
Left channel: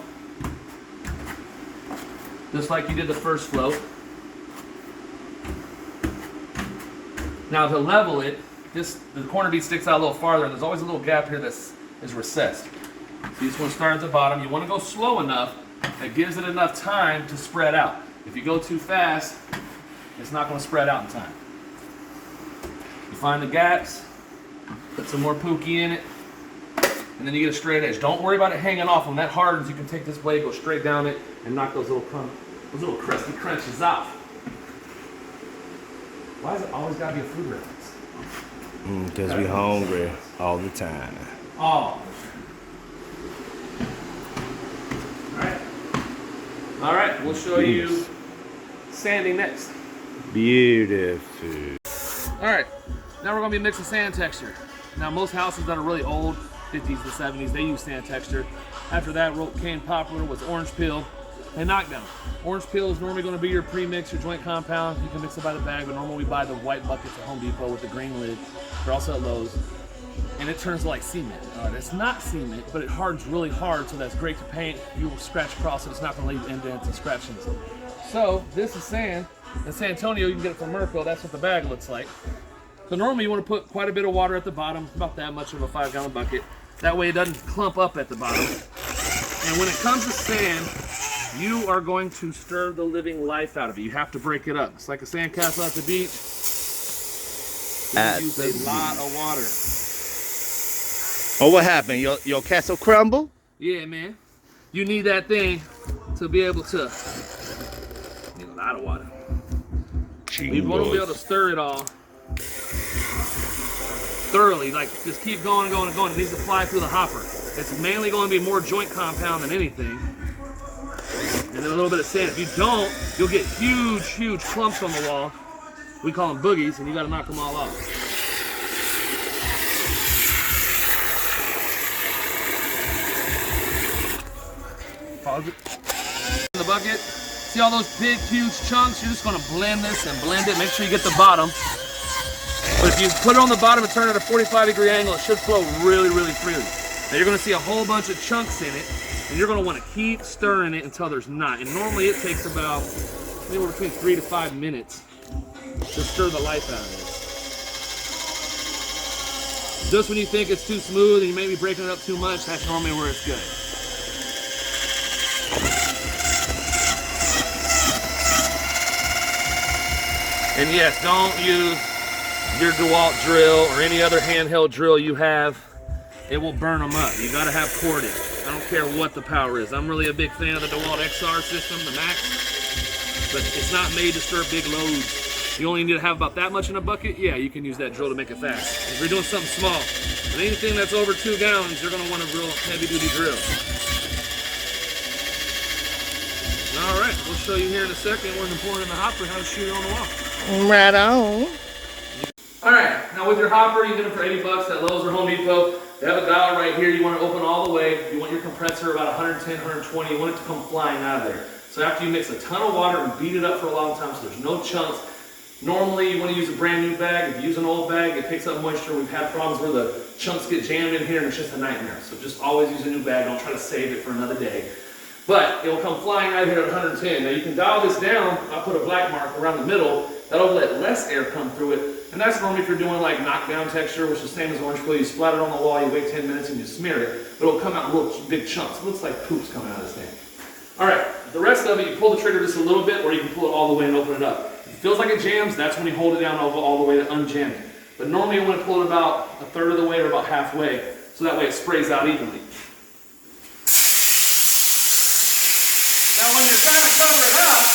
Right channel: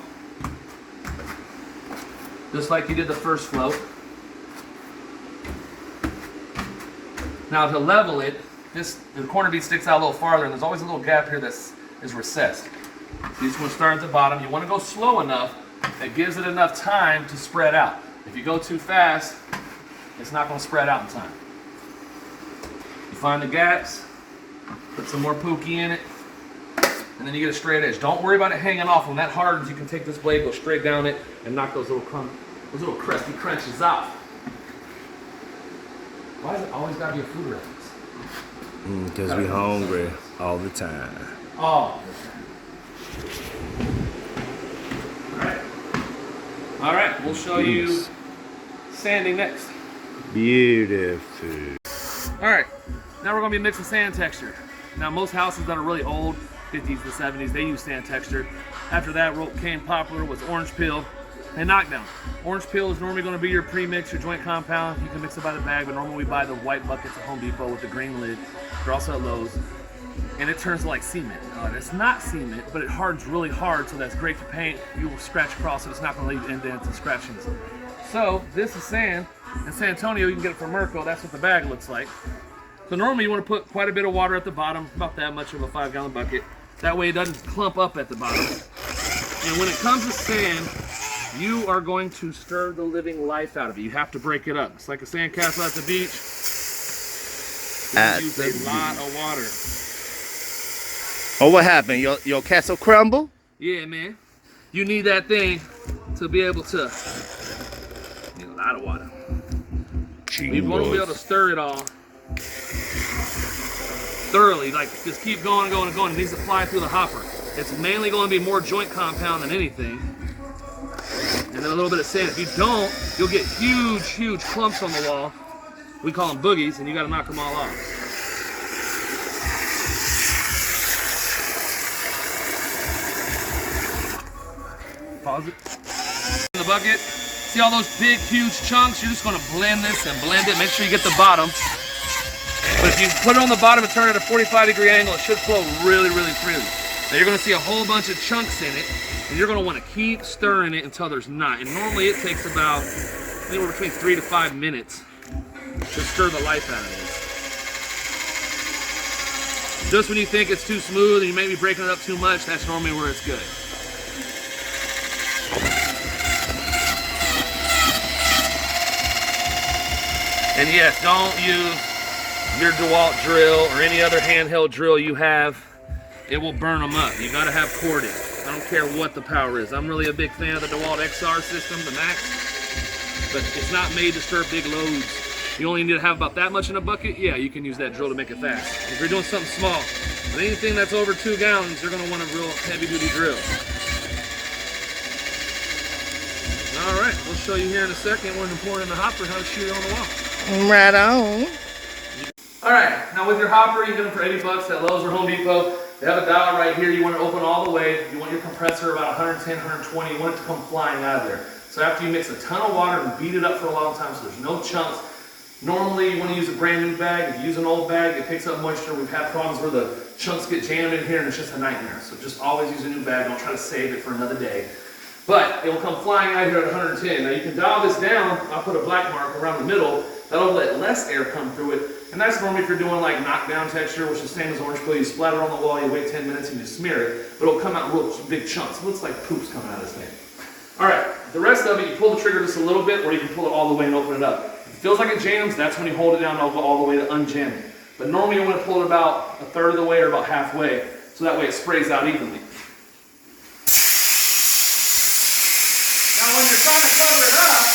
Just like you did the first float. Now to level it, the corner bead sticks out a little farther, and there's always a little gap here that is recessed. You just want to start at the bottom. You want to go slow enough that gives it enough time to spread out. If you go too fast, it's not going to spread out in time. You find the gaps, put some more pookie in it, and then you get a straight edge. Don't worry about it hanging off. When that hardens, you can take this blade, go straight down it, and knock those little crusty crunches off. Why has it always got to be a food reference? Because we hungry all the time. Oh. All right, we'll show you sanding next. Beautiful. All right, now we're gonna be mixing sand texture. Now most houses that are really old, 50s to 70s, they use sand texture. After that, what became popular was orange peel and knockdown. Orange peel is normally gonna be your pre-mix, your joint compound. You can mix it by the bag, but normally we buy the white buckets at Home Depot with the green lid. They're also at Lowe's. And it turns like cement. It's not cement, but it hardens really hard, so that's great to paint. You will scratch across it, it's not gonna leave indents and scratchings. So this is sand. In San Antonio, you can get it from Merco. That's what the bag looks like. So normally you want to put quite a bit of water at the bottom, about that much of a 5-gallon bucket. That way it doesn't clump up at the bottom. And when it comes to sand, you are going to stir the living life out of it. You have to break it up. It's like a sand castle at the beach. You use a lot of water. Oh, what happened? Your castle crumble? Yeah, man. You need that thing to be able to. Need a lot of water. You want to be able to stir it all thoroughly. Like, just keep going and going and going. It needs to fly through the hopper. It's mainly going to be more joint compound than anything. And then a little bit of sand. If you don't, you'll get huge, huge clumps on the wall. We call them boogies, and you got to knock them all off. Pause it. In the bucket. See all those big, huge chunks? You're just going to blend this and blend it. Make sure you get the bottom. But if you put it on the bottom and turn it at a 45-degree angle, it should flow really, really freely. Now you're going to see a whole bunch of chunks in it, and you're going to want to keep stirring it until there's not. And normally it takes about anywhere between 3 to 5 minutes to stir the life out of this. Just when you think it's too smooth and you may be breaking it up too much, that's normally where it's good. And yes, don't use your DeWalt drill or any other handheld drill you have. It will burn them up. You gotta have corded. I don't care what the power is. I'm really a big fan of the DeWalt XR system, the Max, but it's not made to stir big loads. You only need to have about that much in a bucket. Yeah, you can use that drill to make it fast. If you're doing something small, But anything that's over 2 gallons, you're going to want a real heavy-duty drill. All right, we'll show you here in a second when to pour it in the hopper how to shoot it on the wall. Right on. All right, now with your hopper, you get them for 80 bucks at Lowe's or Home Depot. They have a dial right here. You want to open all the way. You want your compressor about 110, 120. You want it to come flying out of there. So after you mix a ton of water and beat it up for a long time so there's no chunks, normally you want to use a brand new bag. If you use an old bag, it picks up moisture. We've had problems where the chunks get jammed in here and it's just a nightmare. So just always use a new bag. Don't try to save it for another day. But it will come flying out here at 110. Now you can dial this down. I'll put a black mark around the middle. That'll let less air come through it. And that's normally if you're doing like knockdown texture, which is the same as orange peel. You splatter on the wall, you wait 10 minutes and you smear it. But it'll come out in real big chunks. It looks like poop's coming out of this thing. All right, the rest of it, you pull the trigger just a little bit or you can pull it all the way and open it up. If it feels like it jams, that's when you hold it down all the way to unjam it. But normally you want to pull it about a third of the way or about halfway, so that way it sprays out evenly. Now when you're trying to cover it up,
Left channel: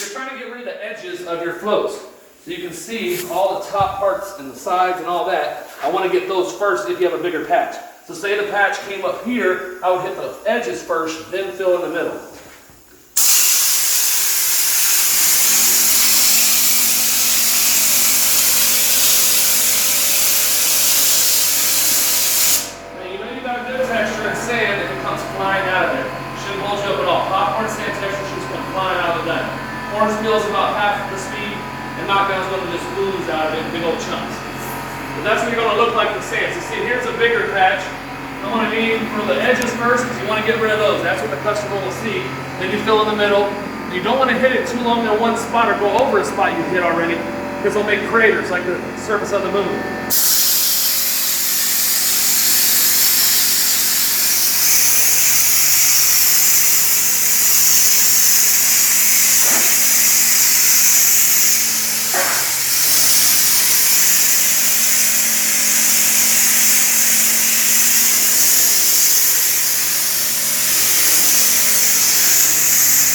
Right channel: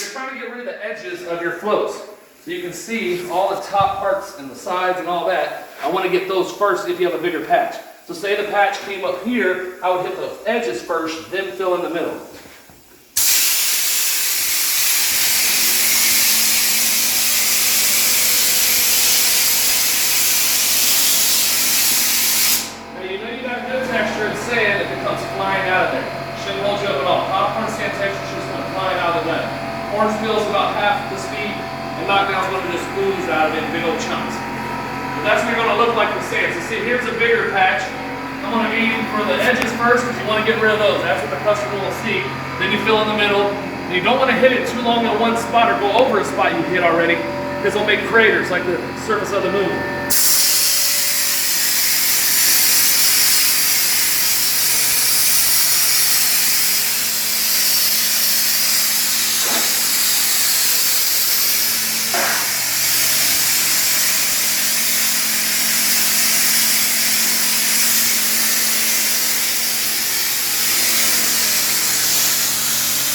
you're trying to get rid of the edges of your floats. So you can see all the top parts and the sides and all that. I want to get those first if you have a bigger patch. So say the patch came up here, I would hit the edges first, then fill in the middle. Now you know you got a good texture in sand if it comes flying out of there. Shouldn't hold you up at all. Popcorn sand texture should just come flying out of the gun. Orange peel is about half the speed, and knockdown is going to just ooze out of it in big old chunks. But that's what you're going to look like with sand. So see, here's a bigger patch. I want to aim for the edges first because you want to get rid of those. That's what the customer will see. Then you fill in the middle. And you don't want to hit it too long in one spot or go over a spot you hit already because it'll make craters like the surface of the moon.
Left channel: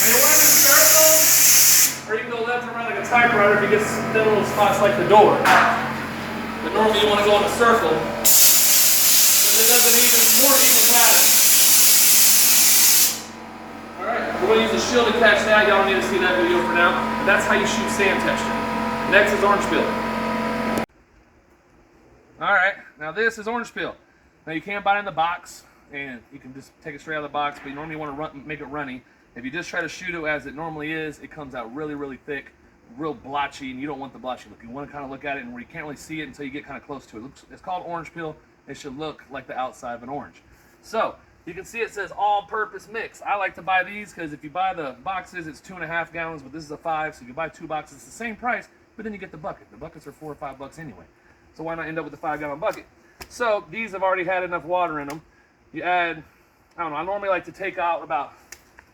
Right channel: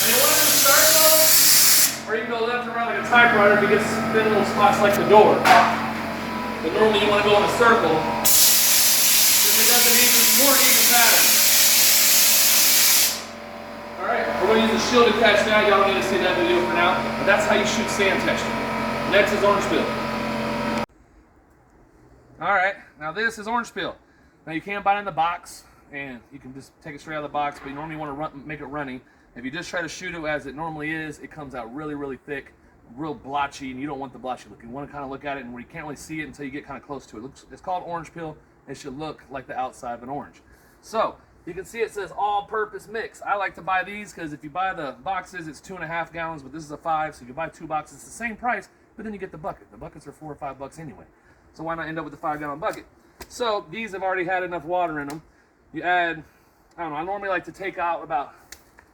Now you want to do circles, or you can go left and right like a typewriter if you get thin little spots like the door. But normally you want to go in a circle because it does an more even pattern. Alright, we're going to use a shield to catch that. Y'all don't need to see that video for now. But that's how you shoot sand texture. Next is orange peel. Alright, now this is orange peel. Now you can buy it in the box, and you can just take it straight out of the box, but you normally want to make it runny. If you just try to shoot it as it normally is, it comes out really, really thick, real blotchy, and you don't want the blotchy look. You want to kind of look at it and where you can't really see it until you get kind of close to it. It's called orange peel. It should look like the outside of an orange. So you can see it says all-purpose mix. I like to buy these because if you buy the boxes, it's 2.5 gallons, but this is a 5, so you buy 2 boxes, it's the same price, but then you get the bucket. The buckets are $4 or $5 anyway. So why not end up with the 5-gallon bucket? So these have already had enough water in them. You add, I don't know, I normally like to take out about,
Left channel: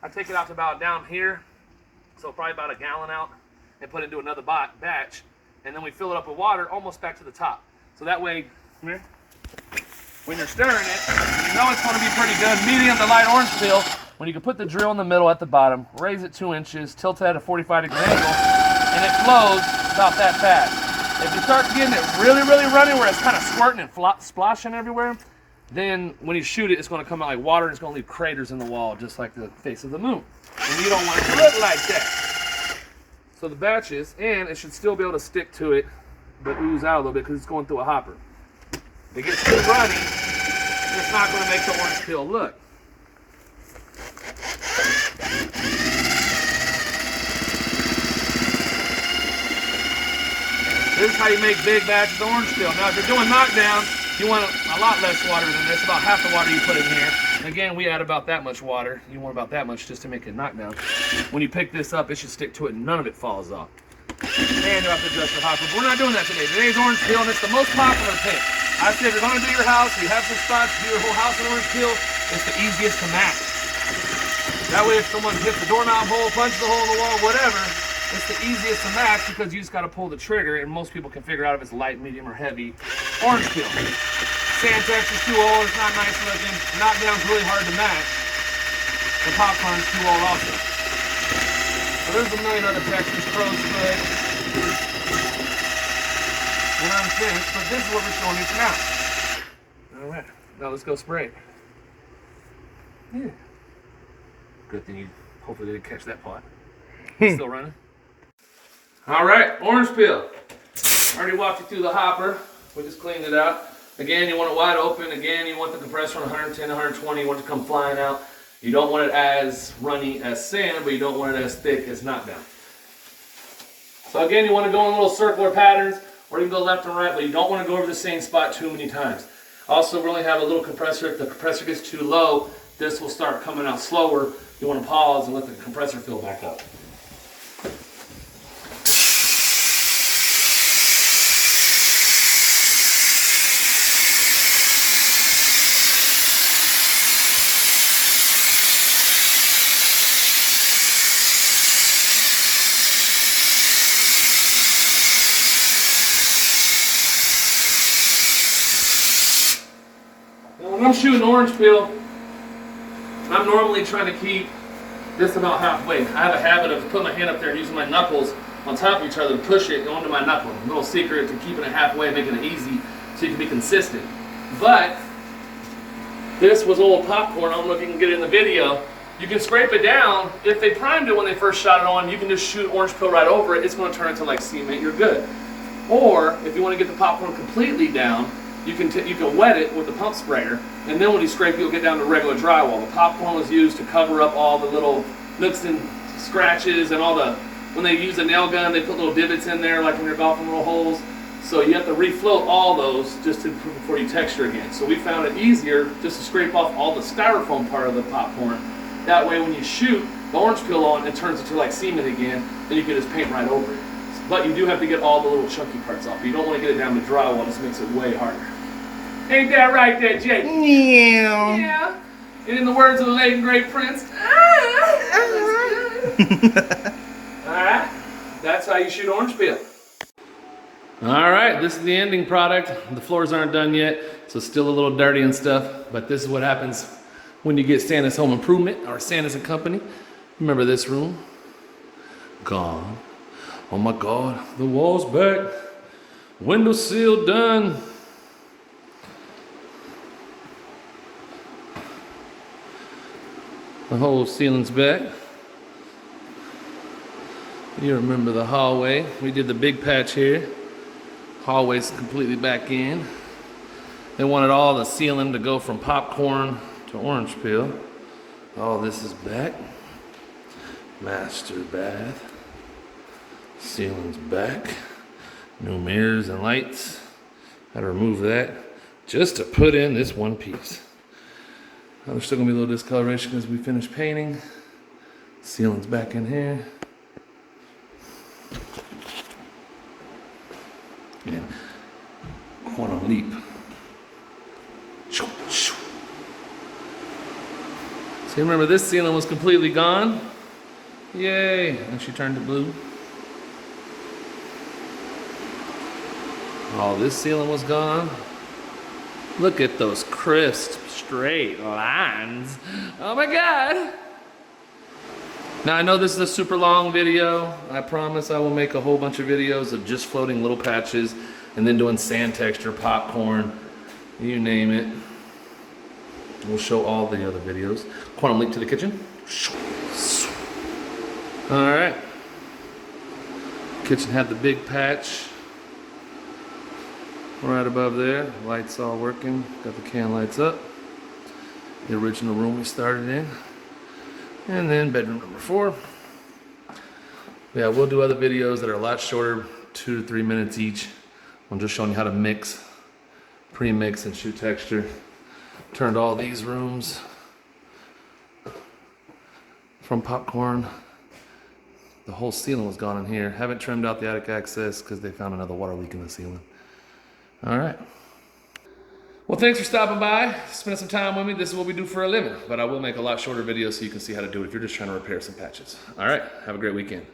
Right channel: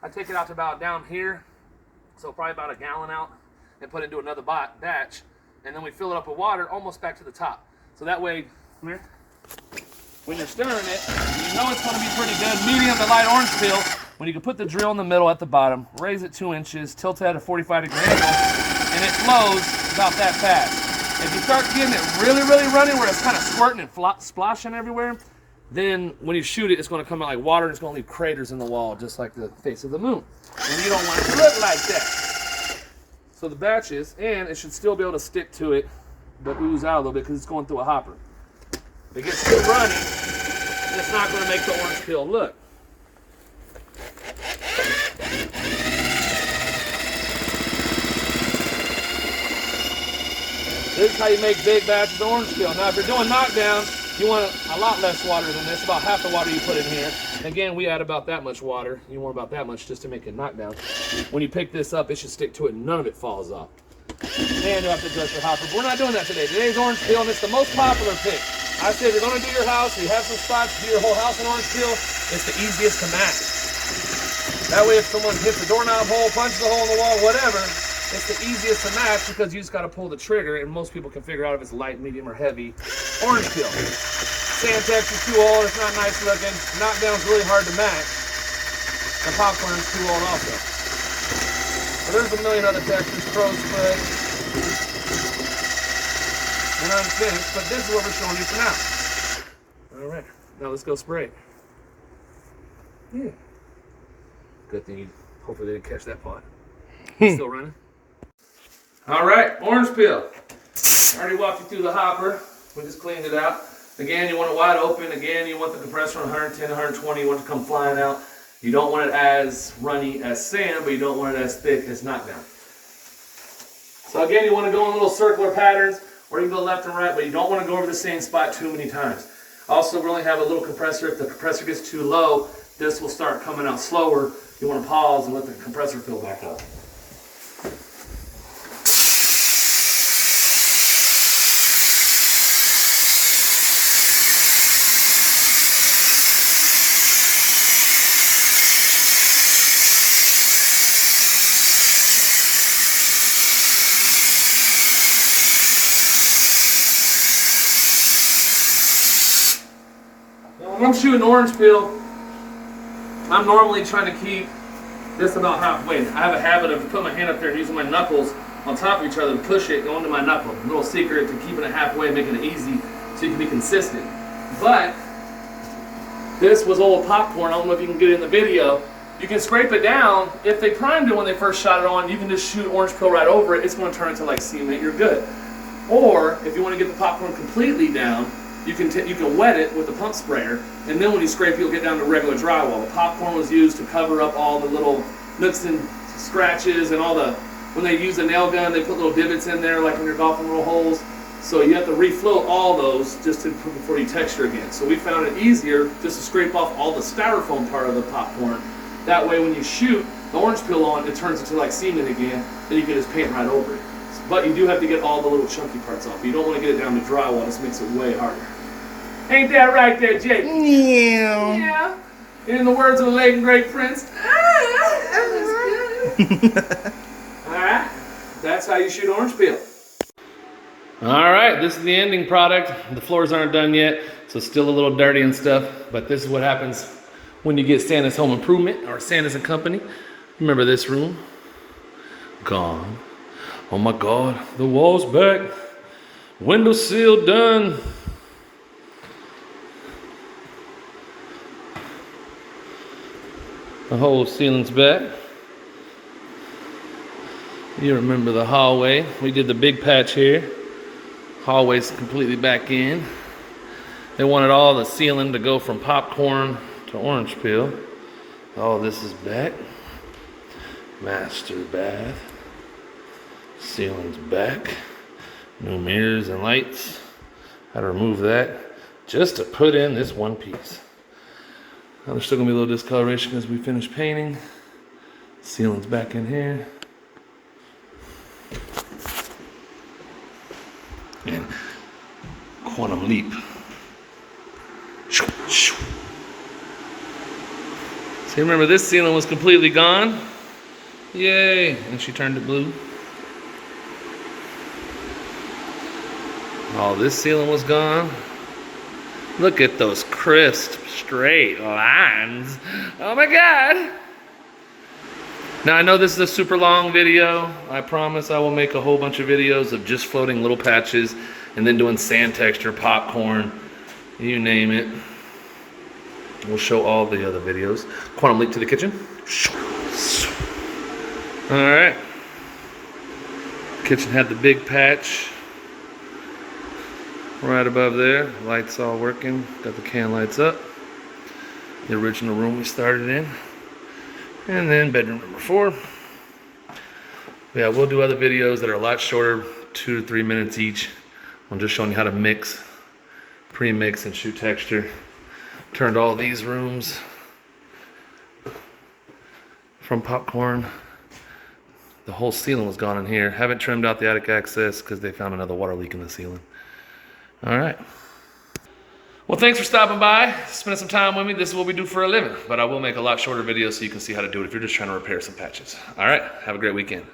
I take it out to about down here, so probably about a gallon out, and put it into another batch, and then we fill it up with water almost back to the top. So that way, when you're stirring it, you know it's going to be pretty good. Medium to light orange peel, when you can put the drill in the middle at the bottom, raise it 2 inches, tilt it at a 45-degree angle, and it flows about that fast. If you start getting it really, really runny where it's kind of squirting and splashing everywhere, then when you shoot it, it's going to come out like water and it's going to leave craters in the wall, just like the face of the moon. And you don't want it to look like that. So the batches, and it should still be able to stick to it, but ooze out a little bit because it's going through a hopper. If it gets too runny, it's not going to make the orange peel look. This is how you make big batches of orange peel. Now, if you're doing knockdown, you want a lot less water than this, about half the water you put in here. Again, we add about that much water. You want about that much just to make it knockdown. When you pick this up, it should stick to it and none of it falls off. And you'll have to adjust your hopper. But we're not doing that today. Today's orange peel, and it's the most popular pick. I say if you're going to do your house, you have some spots, do your whole house in orange peel, it's the easiest to match. That way if someone hits the doorknob hole, punches a hole in the wall, whatever, it's the easiest to match because you just got to pull the trigger, and most people can figure out if it's light, medium, or heavy orange peel. Sand texture's too old, it's not nice looking. Knockdown's really hard to match. The popcorn's too old also. So there's a million other textures, crow's foot, and unfinished, but this is what we're showing you for now. All right, now let's go spray it. Yeah. Good thing you, hopefully they didn't catch that pot. Still running? All right, orange peel. I already walked you through the hopper. We just cleaned it out. Again, you want it wide open. Again, you want the compressor on 110, 120. You want it to come flying out. You don't want it as runny as sand, but you don't want it as thick as knockdown. So again, you want to go in little circular patterns, or you can go left and right, but you don't want to go over the same spot too many times. Also, we only have a little compressor. If the compressor gets too low, this will start coming out slower. You want to pause and let the compressor fill back up. When I'm shooting orange peel, I'm normally trying to keep this about halfway. I have a habit of putting my hand up there and using my knuckles on top of each other to push it onto my knuckle. A little secret to keeping it halfway, making it easy so you can be consistent. But this was old popcorn. I don't know if you can get it in the video. You can scrape it down. If they primed it when they first shot it on, you can just shoot orange peel right over it. It's going to turn into like cement. You're good. Or if you want to get the popcorn completely down, you can wet it with the pump sprayer, and then when you scrape, you'll get down to regular drywall. The popcorn was used to cover up all the little nooks and scratches and all the, when they use a nail gun, they put little divots in there like when you're golfing little holes. So you have to refloat all those just to before you texture again. So we found it easier just to scrape off all the styrofoam part of the popcorn. That way when you shoot the orange peel on, it turns into like cement again, then you can just paint right over it. But you do have to get all the little chunky parts off. You don't want to get it down to drywall. This makes it way harder. Ain't that right there, Jake? Yeah. Yeah. In the words of the late and great Prince. Alright. That's how you shoot orange peel. Alright, this is the ending product. The floors aren't done yet, so it's still a little dirty and stuff. But this is what happens when you get Santa's Home Improvement or Santa's and Company. Remember this room? Gone. Oh my God, the wall's back. Window seal done. The whole ceiling's back. You remember the hallway. We did the big patch here. Hallway's completely back in. They wanted all the ceiling to go from popcorn to orange peel. All this is back. Master bath. Ceiling's back. New mirrors and lights. Had to remove that just to put in this one piece. Now there's still gonna be a little discoloration because we finished painting. Ceiling's back in here. And quantum leap. So remember this ceiling was completely gone. Yay, and she turned it blue. Oh, this ceiling was gone. Look at those crisp, straight lines. Oh my God. Now I know this is a super long video. I promise I will make a whole bunch of videos of just floating little patches and then doing sand texture, popcorn, you name it. We'll show all the other videos. Quantum leap to the kitchen. All right. Kitchen had the big patch. Right above there, lights all working. Got the can lights up. The original room we started in. And then bedroom number 4. Yeah, we'll do other videos that are a lot shorter, 2 to 3 minutes each. I'm just showing you how to mix, pre-mix and shoot texture. Turned all these rooms from popcorn. The whole ceiling was gone in here. Haven't trimmed out the attic access because they found another water leak in the ceiling. All right. Well, thanks for stopping by, spending some time with me. This is what we do for a living, but I will make a lot shorter videos so you can see how to do it if you're just trying to repair some patches. All right, have a great weekend.